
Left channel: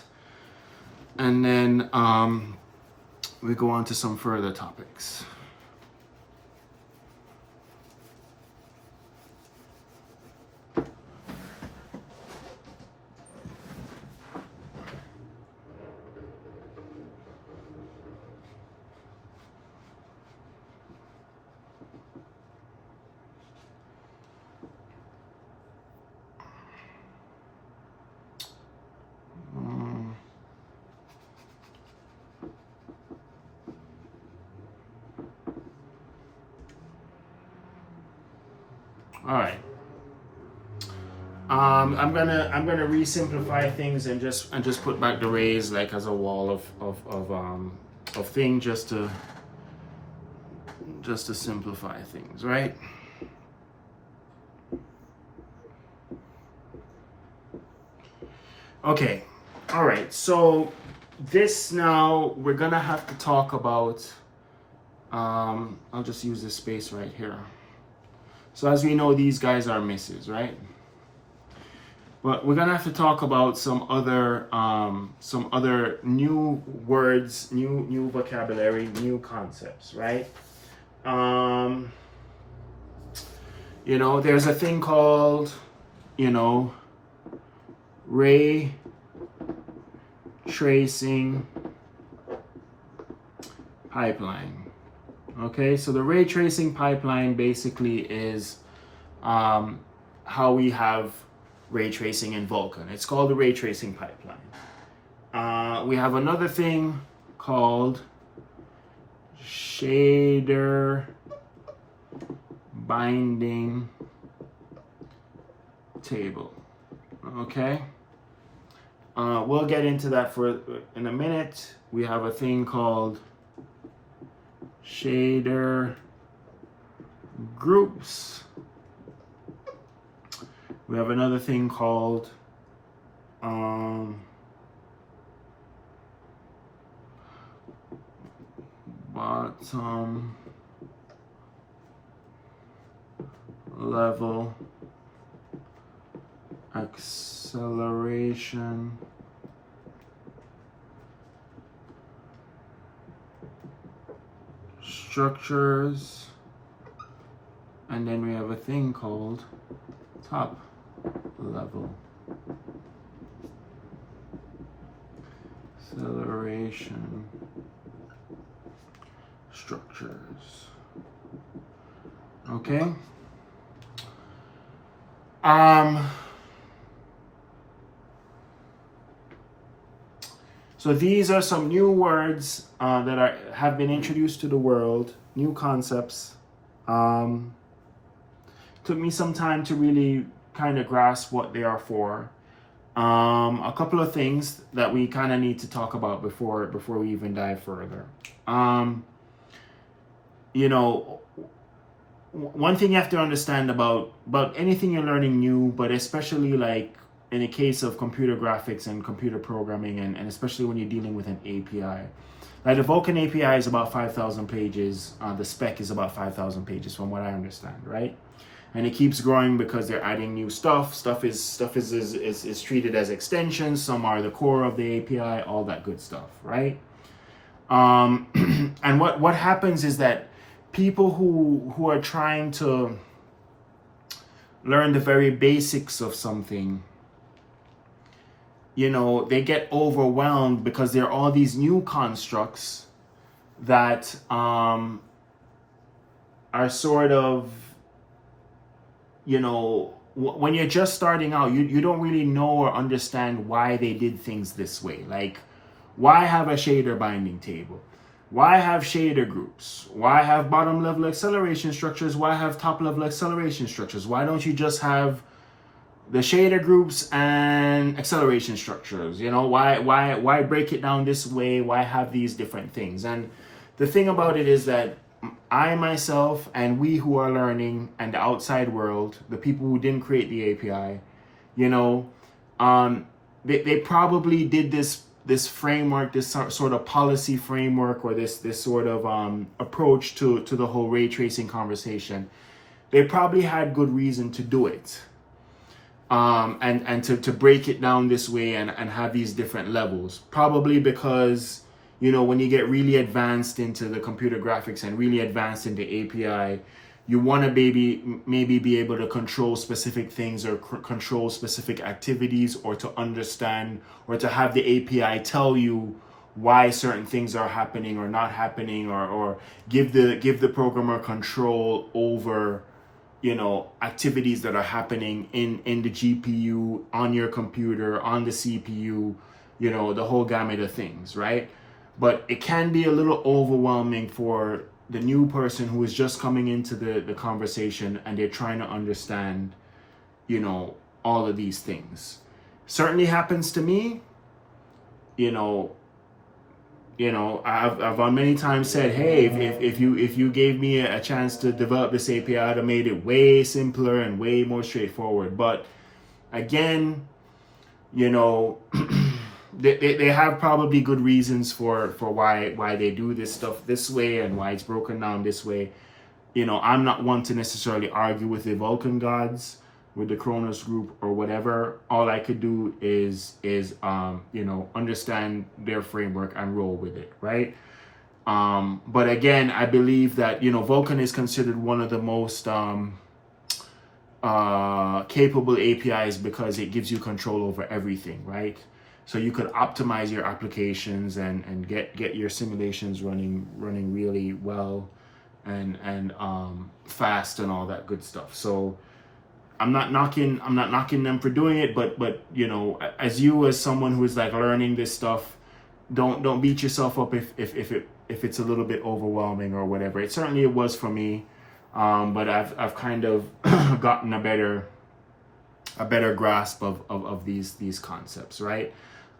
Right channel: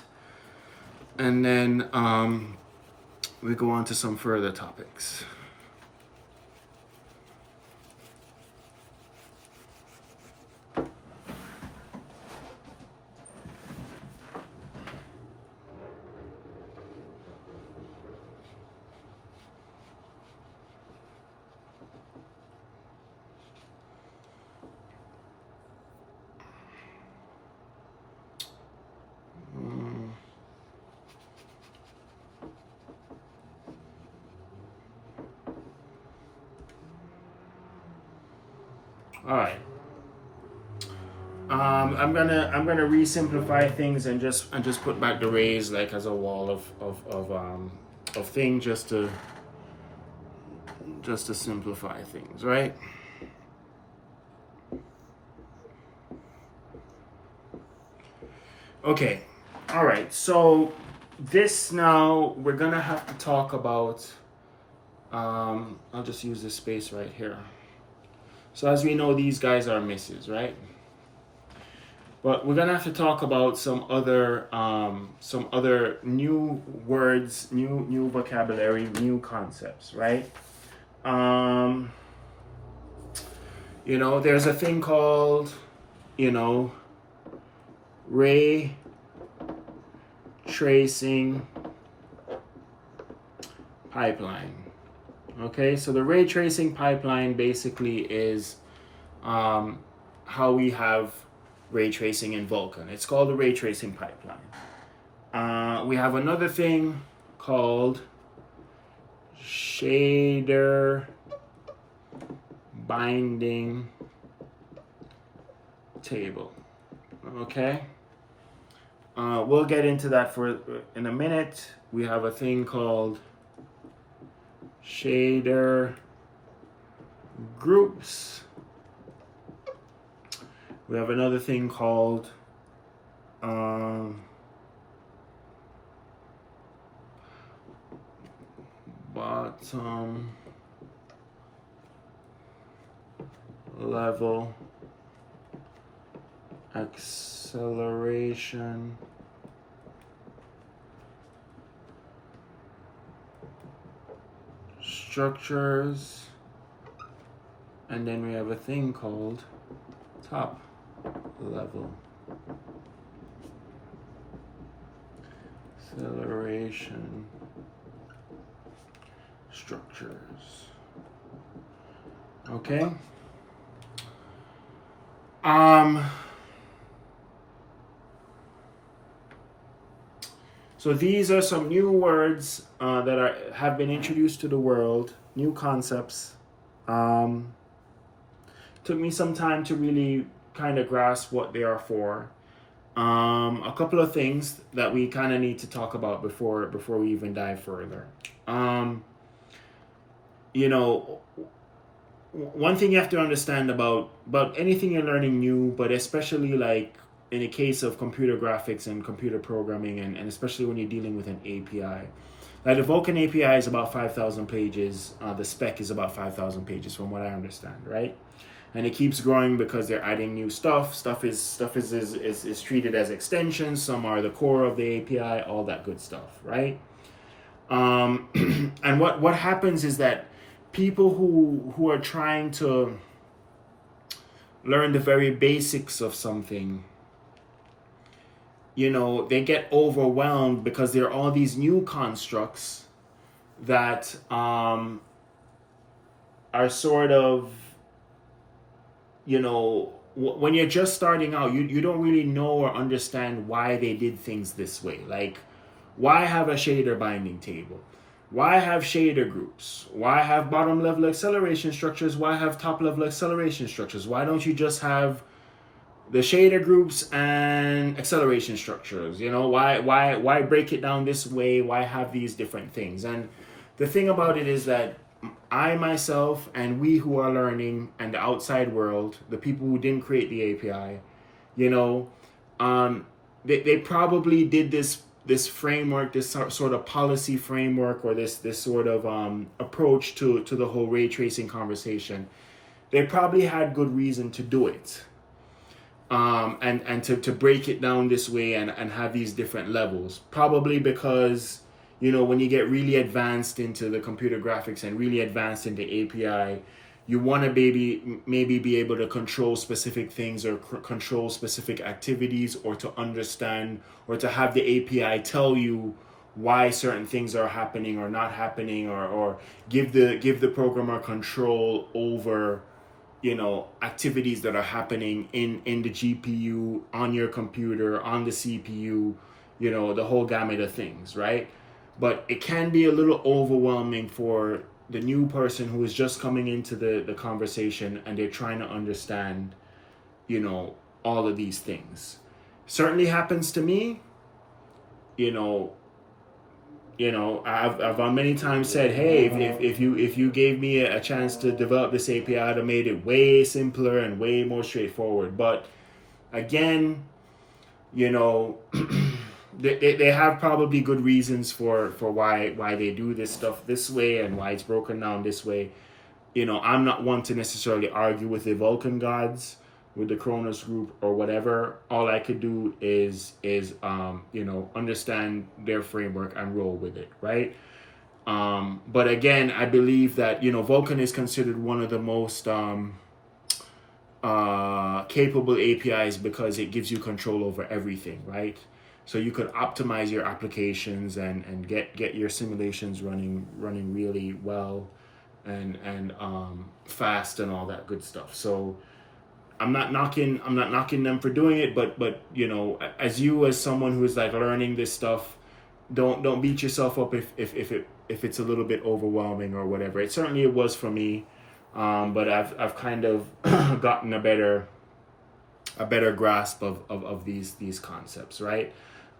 and then we go on to some further topics. All right. I'm gonna re-simplify things and just put back the rays like as a wall of things just to simplify things, right? Okay. All right. So this now we're gonna have to talk about. I'll just use this space right here. So as we know, these guys are misses, right? But we're gonna have to talk about some other new words, new vocabulary, new concepts, right? You know, there's a thing called, you know, ray tracing pipeline. Okay, so the ray tracing pipeline basically is how we have ray tracing in Vulkan. It's called the ray tracing pipeline. We have another thing called shader binding table. Okay, we'll get into that in a minute. We have a thing called shader groups. We have another thing called bottom level acceleration structures, and then we have a thing called top level acceleration structures. Okay. So these are some new words that have been introduced to the world, new concepts. Took me some time to really kind of grasp what they are for. A couple of things that we kind of need to talk about before we even dive further. You know, one thing you have to understand about anything you're learning new, but especially like in the case of computer graphics and computer programming, and especially when you're dealing with an API. Now the Vulkan API is about 5,000 pages. The spec is about 5,000 pages from what I understand, right? And it keeps growing because they're adding new stuff. Stuff is treated as extensions. Some are the core of the API, all that good stuff, right? And what happens is that people who are trying to learn the very basics of something, you know, they get overwhelmed because there are all these new constructs that are sort of, you know, when you're just starting out, you don't really know or understand why they did things this way. Like, why have a shader binding table? Why have shader groups? Why have bottom level acceleration structures? Why have top level acceleration structures? Why don't you just have the shader groups and acceleration structures? You know, why break it down this way? Why have these different things? And the thing about it is that I myself and we who are learning and the outside world, the people who didn't create the API, you know, they probably did this framework, this sort of policy framework, or this sort of approach to the whole ray tracing conversation. They probably had good reason to do it, and to break it down this way and have these different levels. Probably because, you know, when you get really advanced into the computer graphics and really advanced into API, you want to maybe be able to control specific things or control specific activities, or to understand or to have the API tell you why certain things are happening or not happening, or give the programmer control over, you know, activities that are happening in the GPU, on your computer, on the CPU, you know, the whole gamut of things, right? But it can be a little overwhelming for the new person who is just coming into the conversation, and they're trying to understand, you know, all of these things. Certainly happens to me. I've on many times said, hey, if you gave me a chance to develop this API, I'd have made it way simpler and way more straightforward. But again, you know, they have probably good reasons for why they do this stuff this way and why it's broken down this way. You know, I'm not one to necessarily argue with the Vulkan gods, with the Kronos group or whatever. All I could do is you know, understand their framework and roll with it, right? But again, I believe that, you know, Vulkan is considered one of the most capable APIs because it gives you control over everything, right? So you could optimize your applications and get your simulations running really well and fast and all that good stuff. So I'm not knocking them for doing it, but you know, as someone who is like learning this stuff, don't beat yourself up if it's a little bit overwhelming or whatever. It certainly was for me, but I've kind of gotten a better grasp of these concepts, right?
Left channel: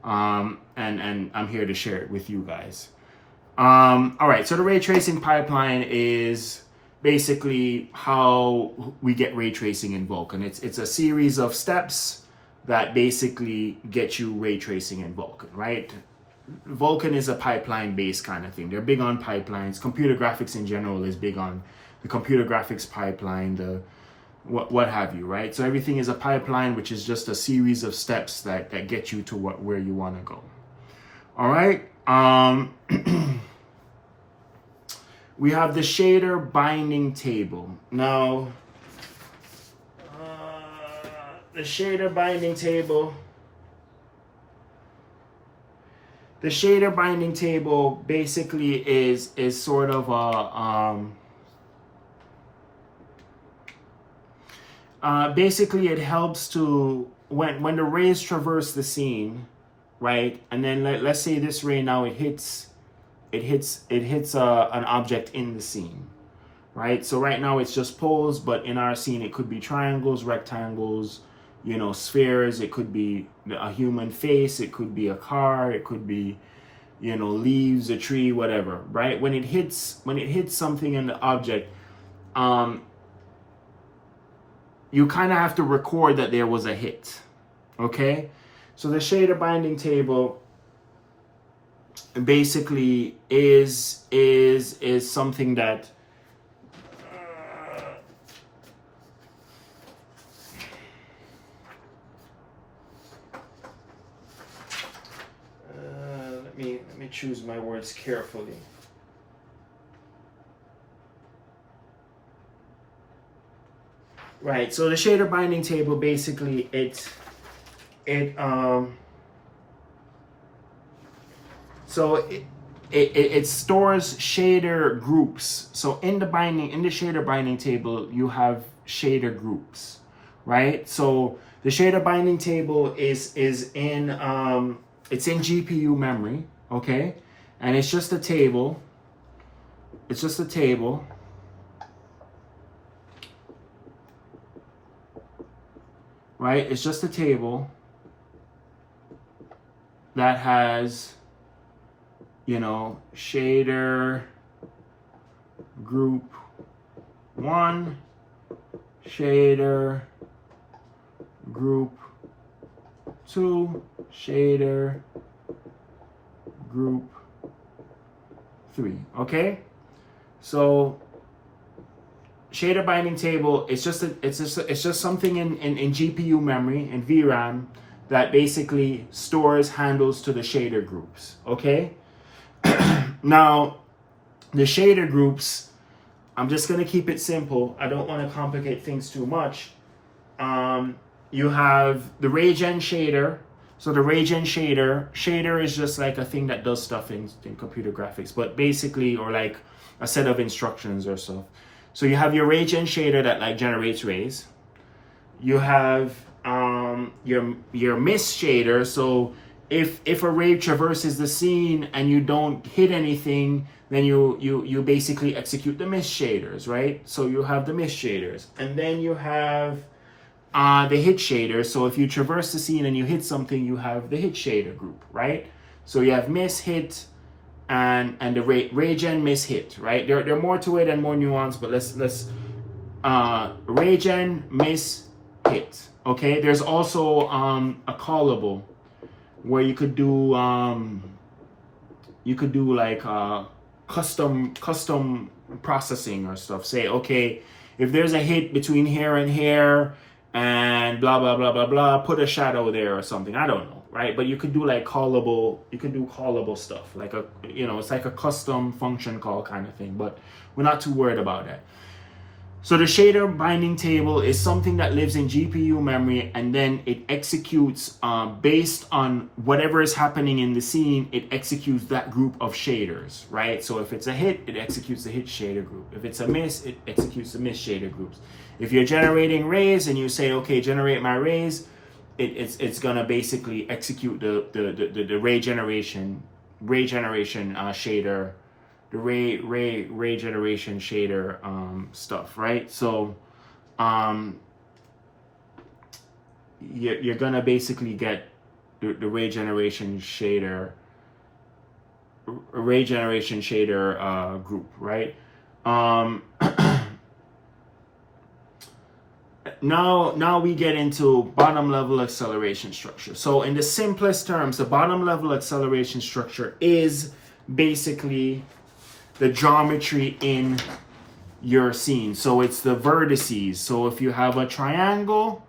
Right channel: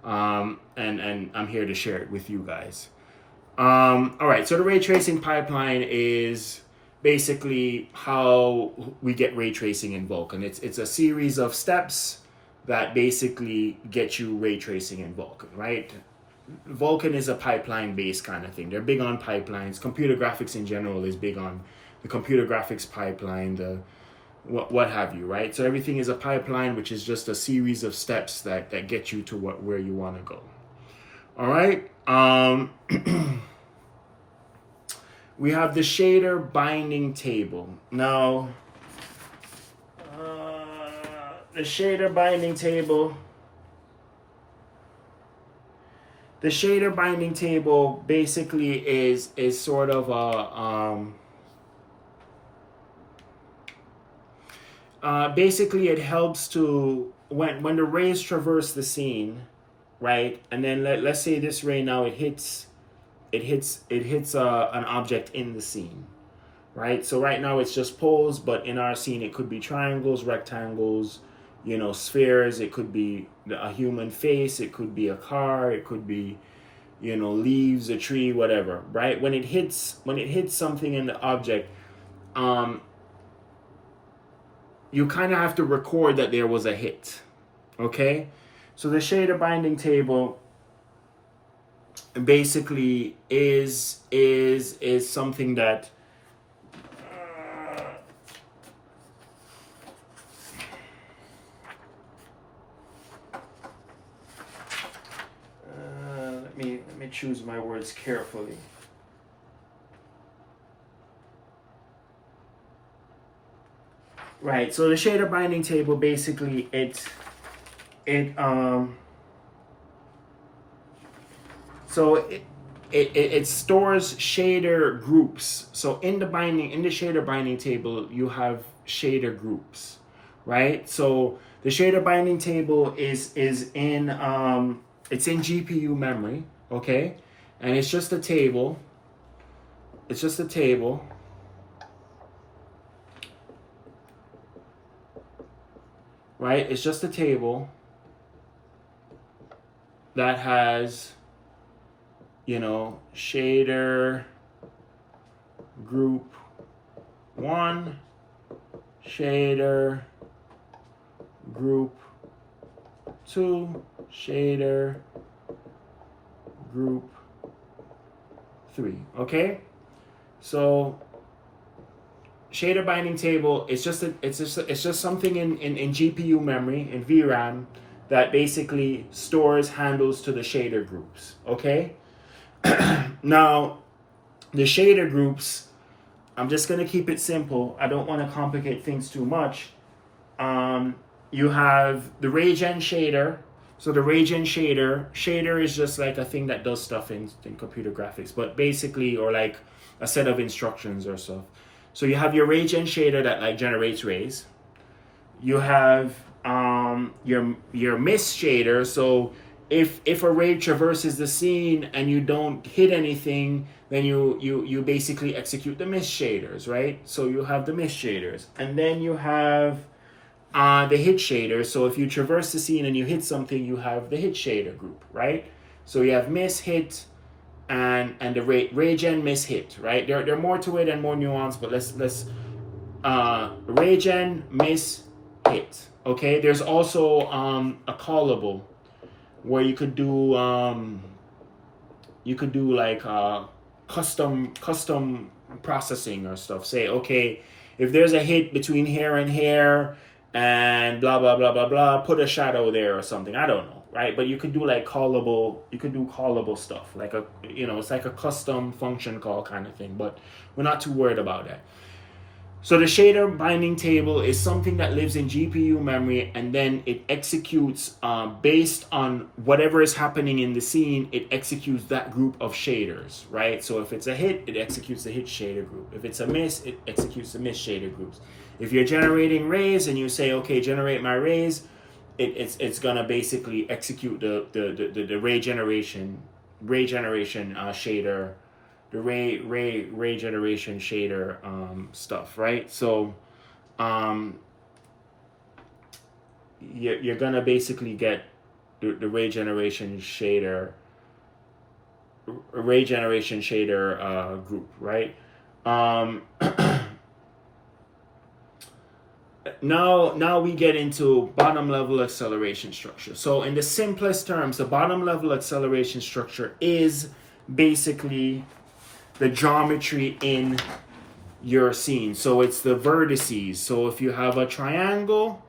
And I'm here to share it with you guys. All right, so the ray tracing pipeline is basically how we get ray tracing in Vulkan. It's a series of steps that basically get you ray tracing in Vulkan, right? Vulkan is a pipeline-based kind of thing. They're big on pipelines. Computer graphics in general is big on the computer graphics pipeline, the what have you, right? So everything is a pipeline, which is just a series of steps that get you to where you want to go. All right. We have the shader binding table. Now, the shader binding table basically is sort of a basically it helps to when the rays traverse the scene, right? And then let's say this ray now it hits an object in the scene, right? So right now it's just poles, but in our scene it could be triangles, rectangles, you know, spheres. It could be a human face. It could be a car. It could be, you know, leaves, a tree, whatever, right? When it hits something in the object, you kind of have to record that there was a hit, okay? So the shader binding table basically is something that let me choose my words carefully. Right, so the shader binding table basically it stores shader groups. So in the shader binding table, you have shader groups, right? So the shader binding table is in it's in GPU memory, okay? And it's just a table. It's just a table. Right? It's just a table that has, you know, shader group 1, shader group 2, shader group 3. Okay, so shader binding table, it's just something in GPU memory and VRAM that basically stores handles to the shader groups. Okay, now the shader groups, I'm just going to keep it simple. I don't want to complicate things too much. You have the RayGen shader. So the RayGen shader is just like a thing that does stuff in computer graphics, but basically, or like a set of instructions or stuff. So you have your RayGen shader that like generates rays. You have your miss shader. So if a ray traverses the scene and you don't hit anything, then you basically execute the miss shaders, right? So you have the miss shaders, and then you have the hit shader. So if you traverse the scene and you hit something, you have the hit shader group, right? So you have miss, hit, and the RayGen miss hit, right? There are more to it and more nuance, but let's RayGen miss hit. Okay, there's also a callable where you could do like custom processing or stuff. Say, okay, if there's a hit between here and here and blah blah blah blah blah, put a shadow there or something. I don't know, right? But you could do like callable stuff, like a, you know, it's like a custom function call kind of thing, but we're not too worried about that. So the shader binding table is something that lives in GPU memory, and then it executes based on whatever is happening in the scene. It executes that group of shaders, right? So if it's a hit, it executes the hit shader group. If it's a miss, it executes the miss shader groups. If you're generating rays and you say, okay, generate my rays, it's gonna basically execute the ray generation shader. The ray generation shader stuff, right? So you're gonna basically get the ray generation shader group, right? Now we get into bottom level acceleration structure. So in the simplest terms, the bottom level acceleration structure is basically the geometry in your scene. So it's the vertices. So if you have a triangle,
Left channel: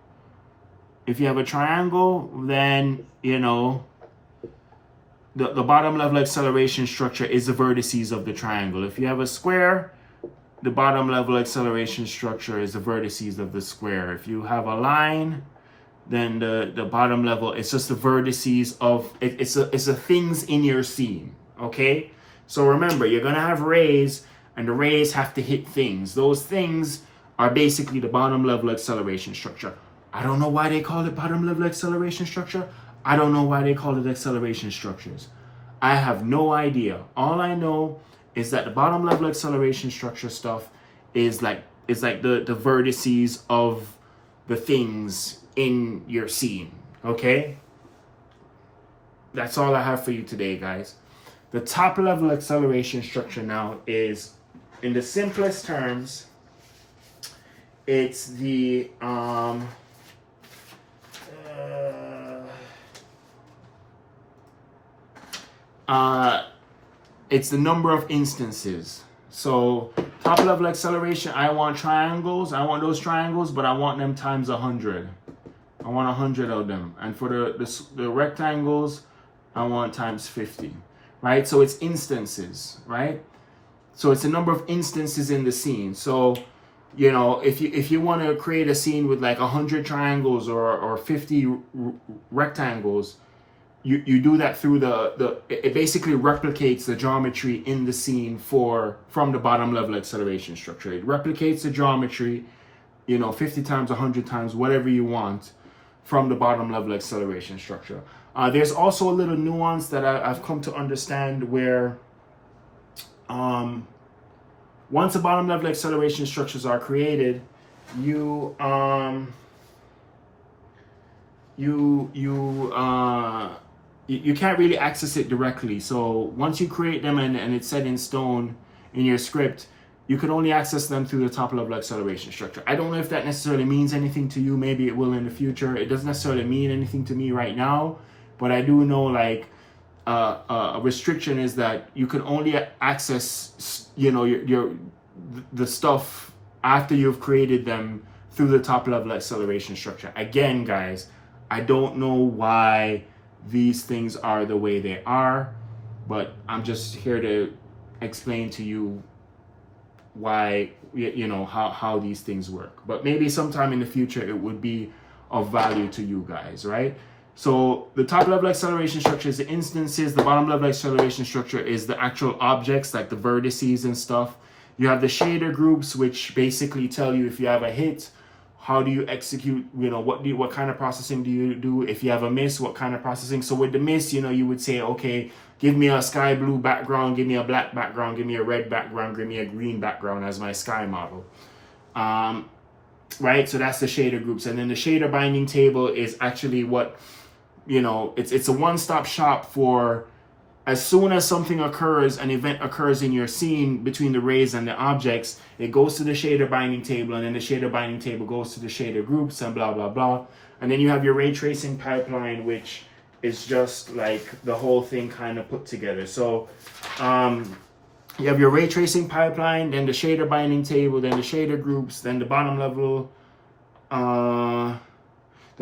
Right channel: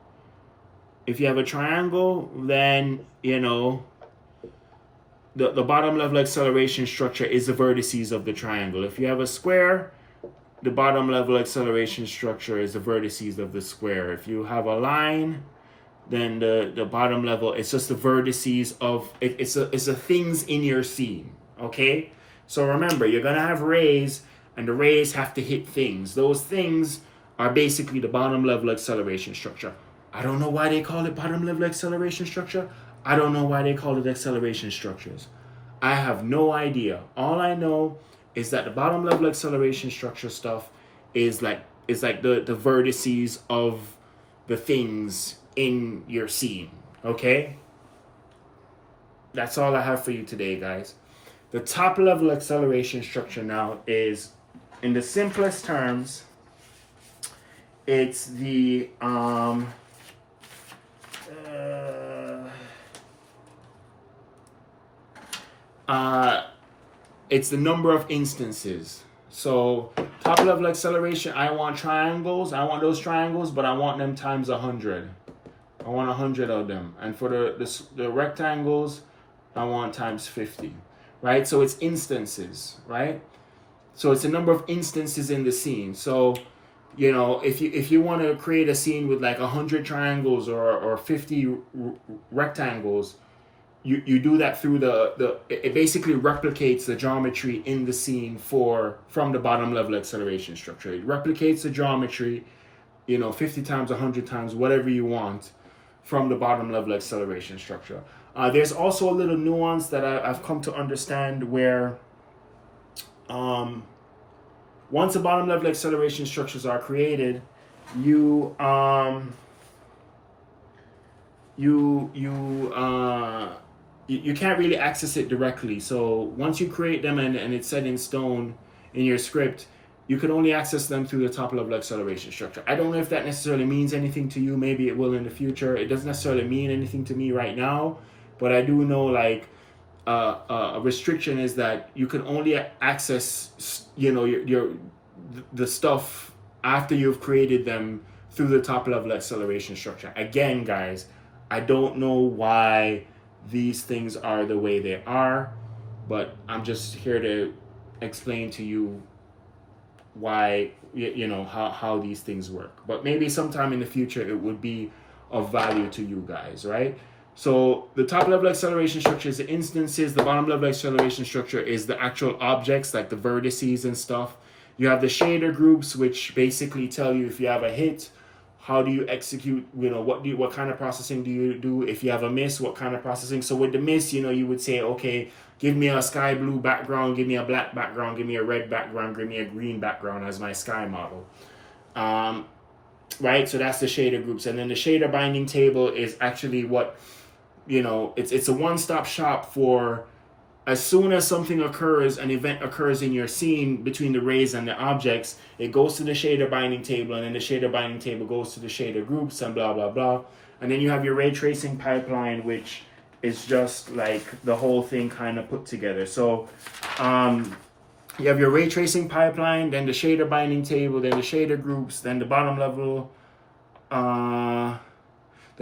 then, you know, the bottom level acceleration structure is the vertices of the triangle. If you have a square, the bottom level acceleration structure is the vertices of the square. If you have a line, then the bottom level, it's just the vertices of it. It's the things in your scene. Okay, so remember, you're gonna have rays, and the rays have to hit things. Those things are basically the bottom level acceleration structure. I don't know why they call it bottom level acceleration structure. I don't know why they call it acceleration structures. I have no idea. All I know is that the bottom level acceleration structure stuff is like the vertices of the things in your scene. Okay, that's all I have for you today, guys. The top level acceleration structure now is, in the simplest terms, it's the it's the number of instances. So top level acceleration, I want triangles. I want those triangles, but I want them times 100. I want 100 of them. And for the rectangles, I want times 50. Right? So it's instances, right? So it's a number of instances in the scene. So, you know, if you want to create a scene with like 100 triangles or 50 rectangles, you do that through it basically replicates the geometry in the scene from the bottom level acceleration structure. It replicates the geometry, you know, 50 times, 100 times, whatever you want, from the bottom level acceleration structure. There's also a little nuance that I've come to understand where once the bottom level acceleration structures are created, you can't really access it directly. So once you create them and it's set in stone in your script, you can only access them through the top level acceleration structure. I don't know if that necessarily means anything to you. Maybe it will in the future. It doesn't necessarily mean anything to me right now, but I do know like a restriction is that you can only access, you know, the stuff after you've created them through the top level acceleration structure. Again, guys, I don't know why these things are the way they are, but I'm just here to explain to you why, you know, how these things work. But maybe sometime in the future it would be of value to you guys, right? So the top level acceleration structure is the instances, the bottom level acceleration structure is the actual objects like the vertices and stuff. You have the shader groups, which basically tell you if you have a hit, how do you execute, you know, what kind of processing do you do? If you have a miss, what kind of processing? So with the miss, you know, you would say, okay, give me a sky blue background, give me a black background, give me a red background, give me a green background as my sky model. Right, so that's the shader groups. And then the shader binding table is actually what, you know, it's a one-stop shop for as soon as something occurs, an event occurs in your scene between the rays and the objects, it goes to the shader binding table, and then the shader binding table goes to the shader groups and blah, blah, blah. And then you have your ray tracing pipeline, which is just like the whole thing kind of put together. So you have your ray tracing pipeline, then the shader binding table, then the shader groups, then the bottom level, then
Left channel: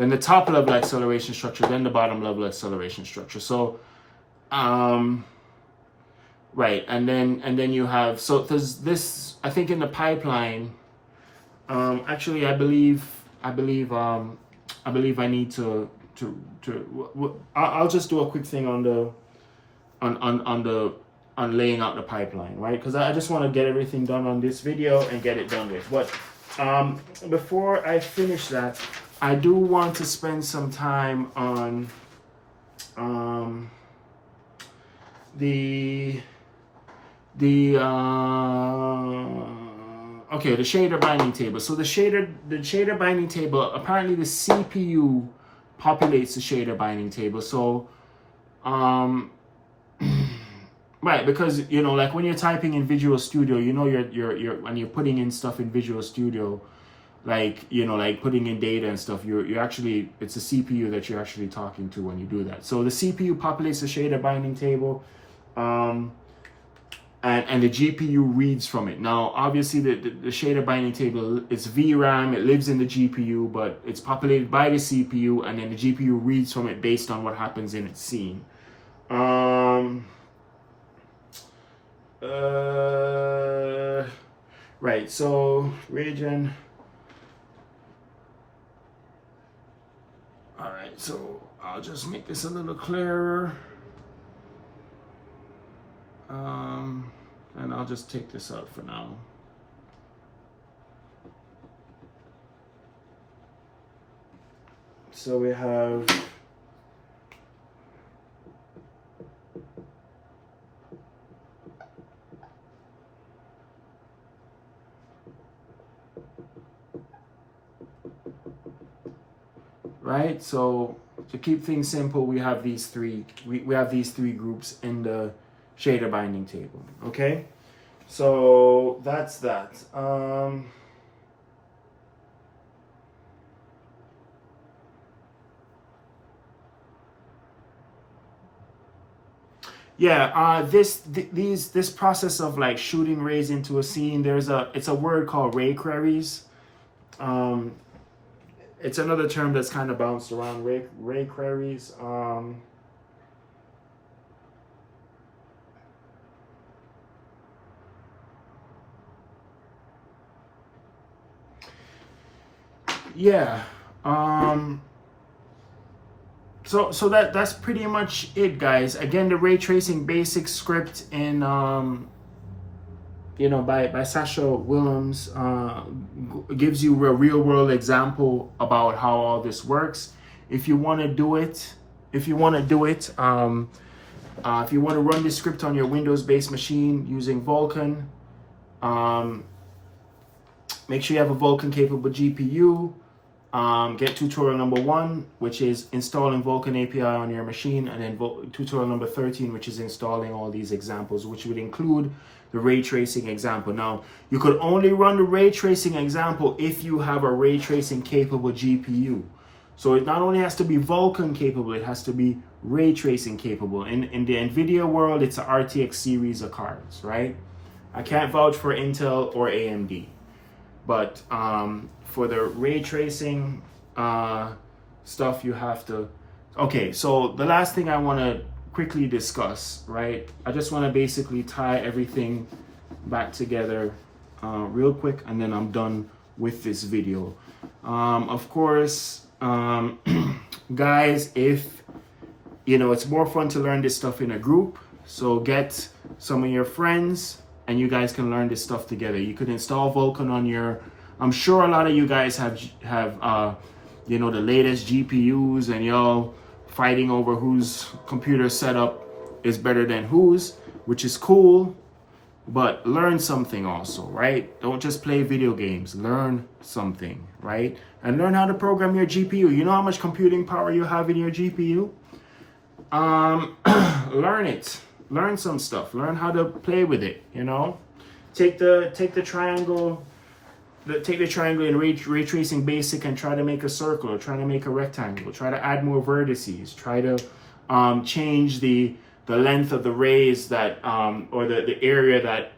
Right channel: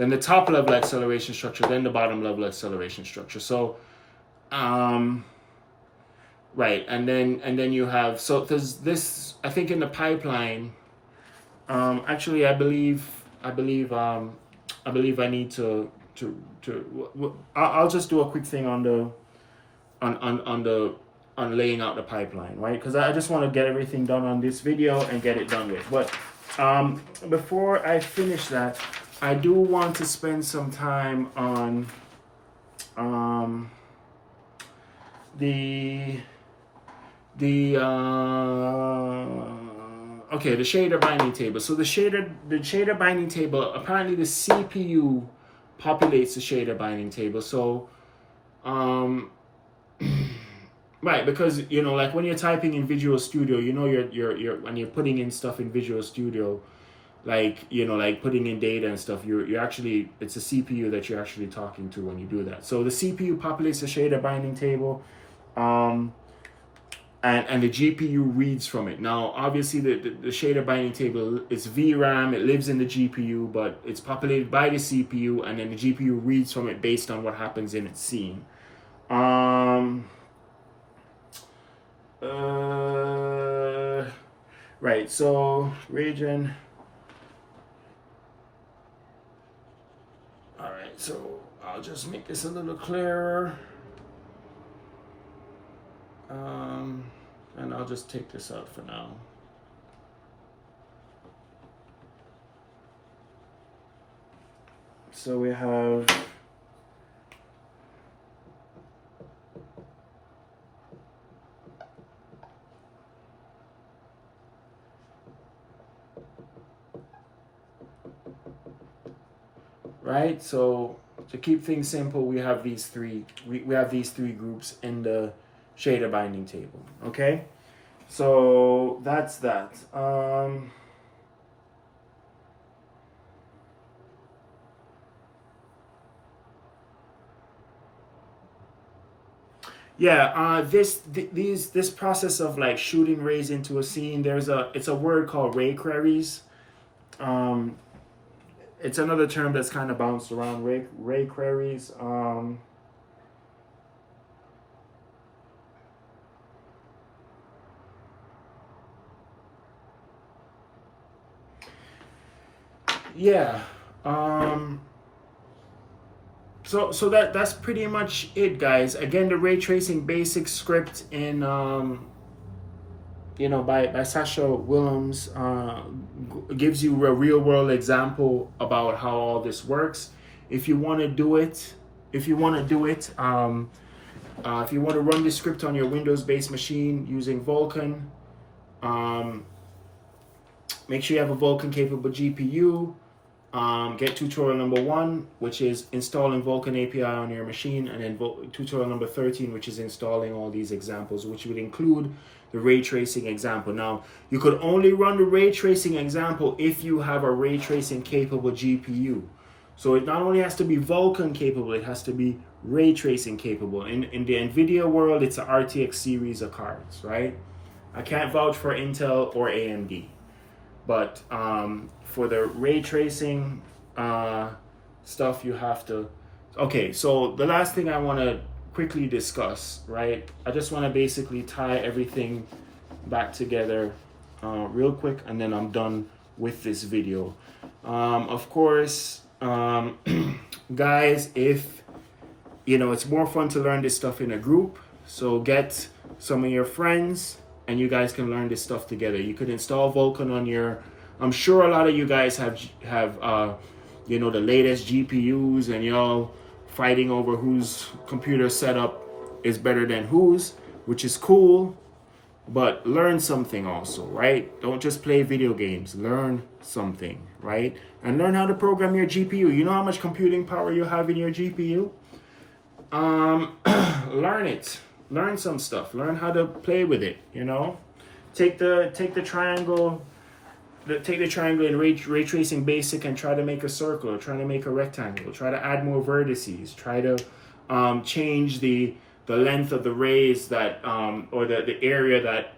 the top level acceleration structure, then the bottom level acceleration structure. So right, and then you have, so there's this, I think in the pipeline, actually I believe I need to I'll just do a quick thing on the on laying out the pipeline, right? Because I just want to get everything done on this video and get it done with. But before I finish that, I do want to spend some time on the shader binding table. So the shader binding table, apparently the CPU populates the shader binding table. So right, because, you know, like when you're typing in Visual Studio, you know, you're when you're putting in stuff in Visual Studio, like, you know, like putting in data and stuff, you're actually, it's the CPU that you're actually talking to when you do that. So the CPU populates the shader binding table, and the GPU reads from it. Now, obviously, the shader binding table, it's VRAM, it lives in the GPU, but it's populated by the CPU, and then the GPU reads from it based on what happens in its scene. Right, so region. All right, so I'll just make this a little clearer. And I'll just take this out for now. So we have right, so to keep things simple, we have these three groups in the shader binding table. Okay, so that's that. This process of like shooting rays into a scene, it's a word called ray queries. It's another term that's kind of bounced around, ray queries. Yeah. So that's pretty much it, guys. Again, the ray tracing basic script in you know, by Sascha Willems gives you a real world example about how all this works. If you want to do it, if you want to run this script on your Windows-based machine using Vulkan, make sure you have a Vulkan-capable GPU. Get tutorial number 1, which is installing Vulkan API on your machine, and then tutorial number 13, which is installing all these examples, which would include the ray tracing example. Now, you could only run the ray tracing example if you have a ray tracing capable GPU. So it not only has to be Vulkan capable, it has to be ray tracing capable. In the NVIDIA world, it's an RTX series of cards, right? I can't vouch for Intel or AMD. But for the ray tracing stuff, you have to... Okay, so the last thing I want to quickly discuss, right? I just want to basically tie everything back together real quick, and then I'm done with this video. Of course, guys, if you know, it's more fun to learn this stuff in a group, so get some of your friends and you guys can learn this stuff together. You could install Vulkan on your... I'm sure a lot of you guys have you know, the latest GPUs, and y'all fighting over whose computer setup is better than whose, which is cool, but learn something also, right? Don't just play video games, learn something, right? And learn how to program your GPU. You know how much computing power you have in your GPU? Learn it. Learn some stuff. Learn how to play with it, you know? Take the triangle, take the triangle in ray tracing basic and try to make a circle, or try to make a rectangle, try to add more vertices, try to change the length of the rays that or the area that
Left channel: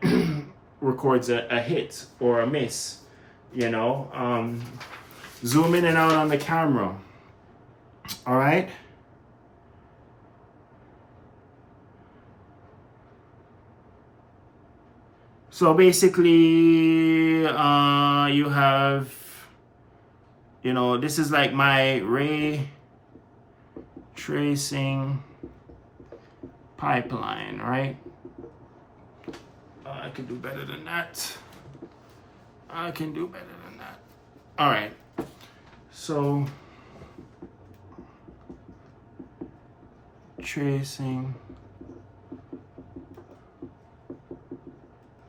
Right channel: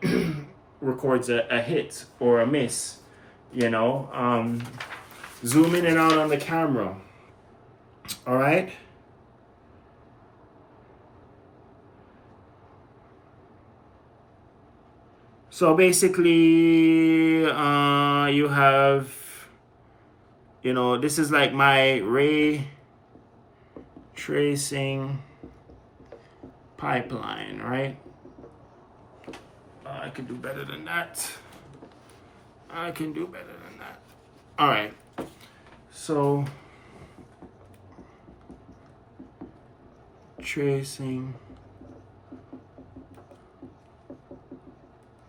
records a hit or a miss, you know. Zoom in and out on the camera. All right. So basically, you have, you know, this is like my ray tracing pipeline, right? I can do better than that. I can do better than that. All right. So, tracing.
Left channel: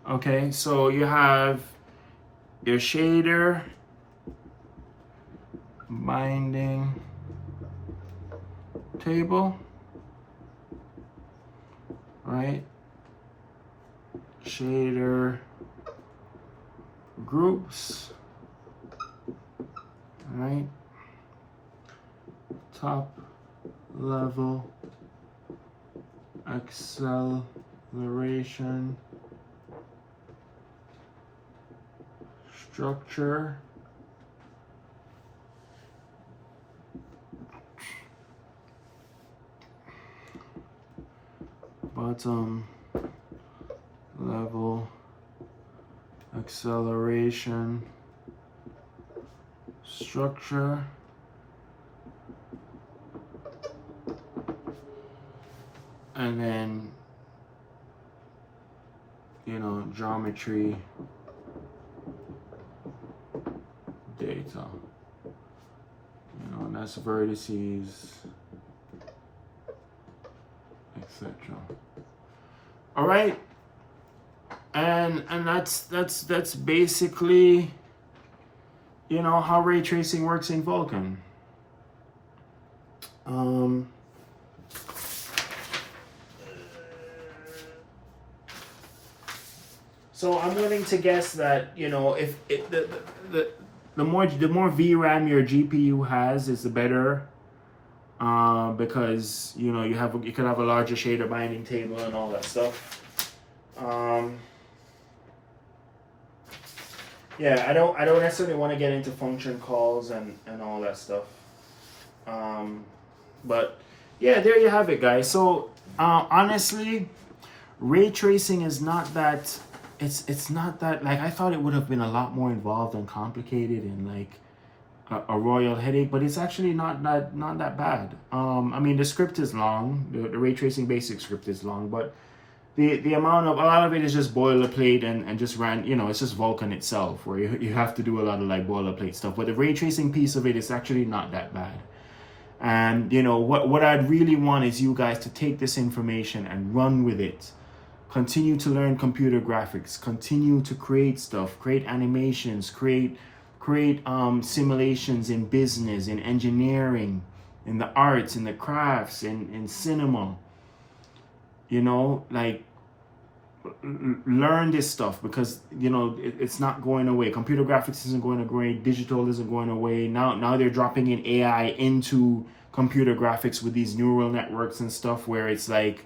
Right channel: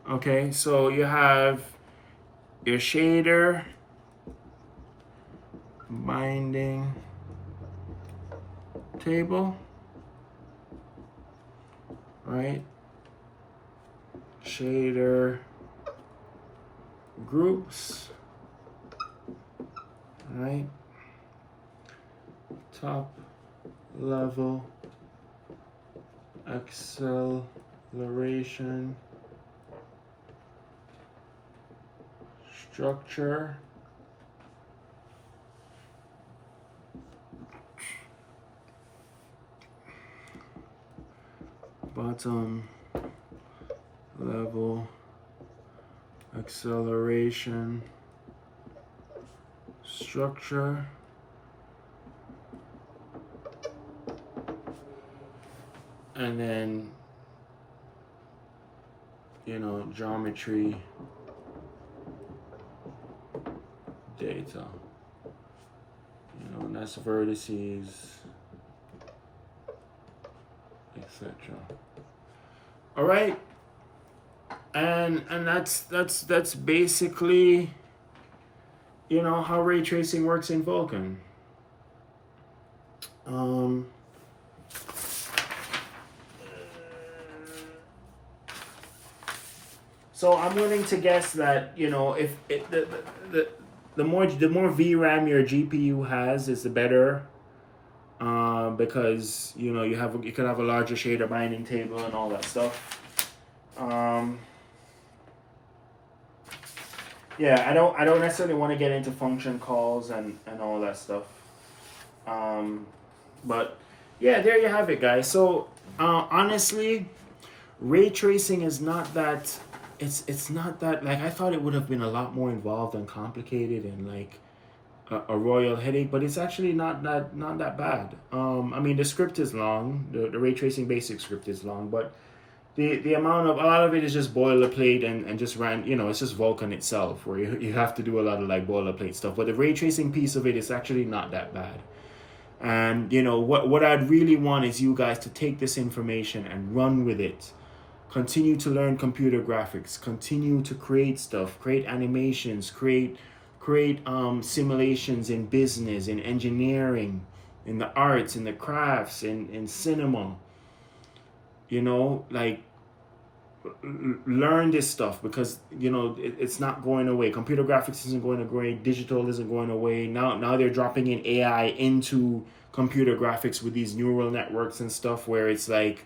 Okay, so you have your shader, binding table, right? Shader groups, right? Top level acceleration structure, bottom level acceleration structure, and then, you know, geometry data, you know, and that's vertices, etc. All right, and that's basically, you know, how ray tracing works in Vulkan. So I'm willing to guess that, you know, if the more VRAM your GPU has, is the better, because, you know, you could have a larger shader binding table and all that stuff. Yeah, I don't necessarily want to get into function calls and all that stuff. But yeah, there you have it, guys. So honestly, ray tracing is not that. It's not that, like, I thought it would have been a lot more involved and complicated and like a royal headache, but it's actually not that bad. I mean, the script is long, the ray tracing basic script is long, but the amount of, a lot of it is just boilerplate and just you know, it's just Vulkan itself, where you have to do a lot of like boilerplate stuff, but the ray tracing piece of it is actually not that bad. And you know, what I'd really want is you guys to take this information and run with it. Continue to learn computer graphics, continue to create stuff, create animations, create simulations in business, in engineering, in the arts, in the crafts, in cinema. You know, like, learn this stuff, because you know it's not going away. Computer graphics isn't going away. Digital isn't going away. Now they're dropping in AI into computer graphics with these neural networks and stuff, where it's like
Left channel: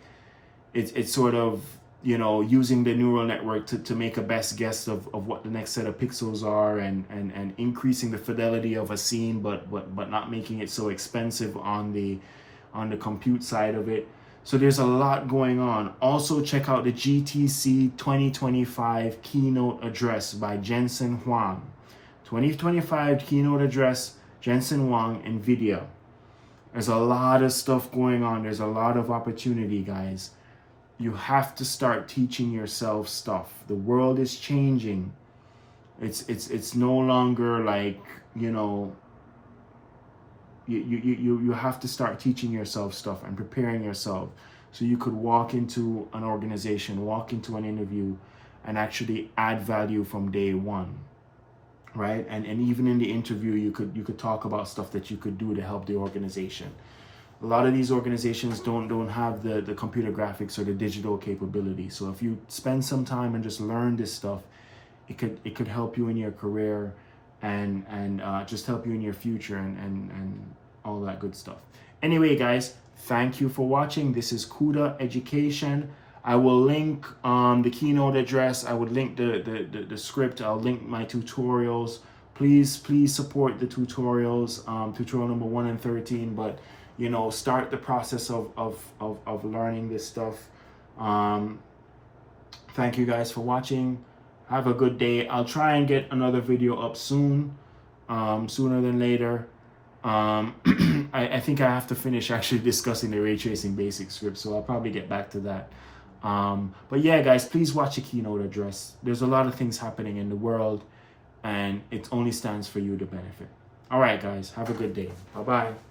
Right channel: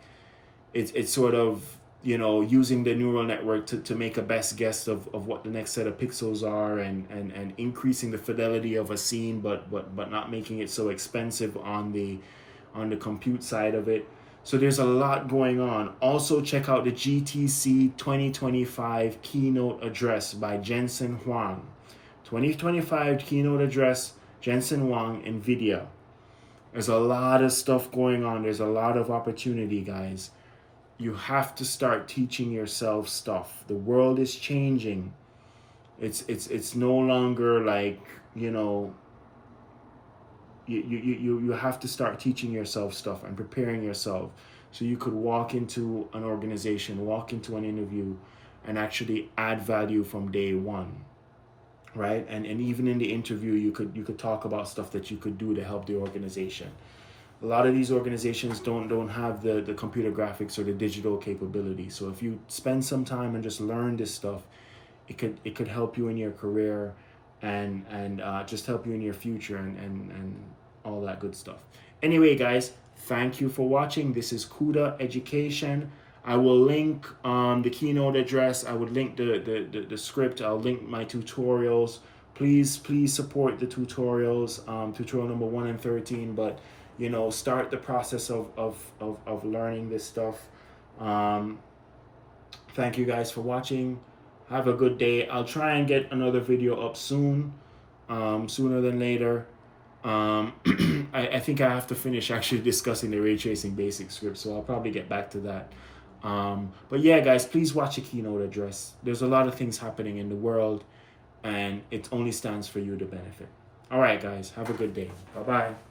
it's sort of, you know, using the neural network to make a best guess of what the next set of pixels are, and increasing the fidelity of a scene, but not making it so expensive on the compute side of it. So there's a lot going on. Also, check out the GTC 2025 keynote address by Jensen Huang. 2025 keynote address, Jensen Huang, NVIDIA. There's a lot of stuff going on. There's a lot of opportunity, guys. You have to start teaching yourself stuff. The world is changing. It's no longer like, you know, you have to start teaching yourself stuff and preparing yourself, so you could walk into an organization, walk into an interview, and actually add value from day one, right? And even in the interview, you could talk about stuff that you could do to help the organization. A lot of these organizations don't have the computer graphics or the digital capability. So if you spend some time and just learn this stuff, it could help you in your career, and just help you in your future, and all that good stuff. Anyway, guys, thank you for watching. This is Cuda Education. I will link the keynote address. I would link the script. I'll link my tutorials. Please support the tutorials. Tutorial number 1 and 13. But you know, start the process of learning this stuff. Thank you guys for watching. Have a good day. I'll try and get another video up soon, sooner than later. I think I have to finish actually discussing the ray tracing basic script, so I'll probably get back to that. But yeah, guys, please watch the keynote address. There's a lot of things happening in the world, and it only stands for you to benefit. All right, guys, have a good day. Bye-bye.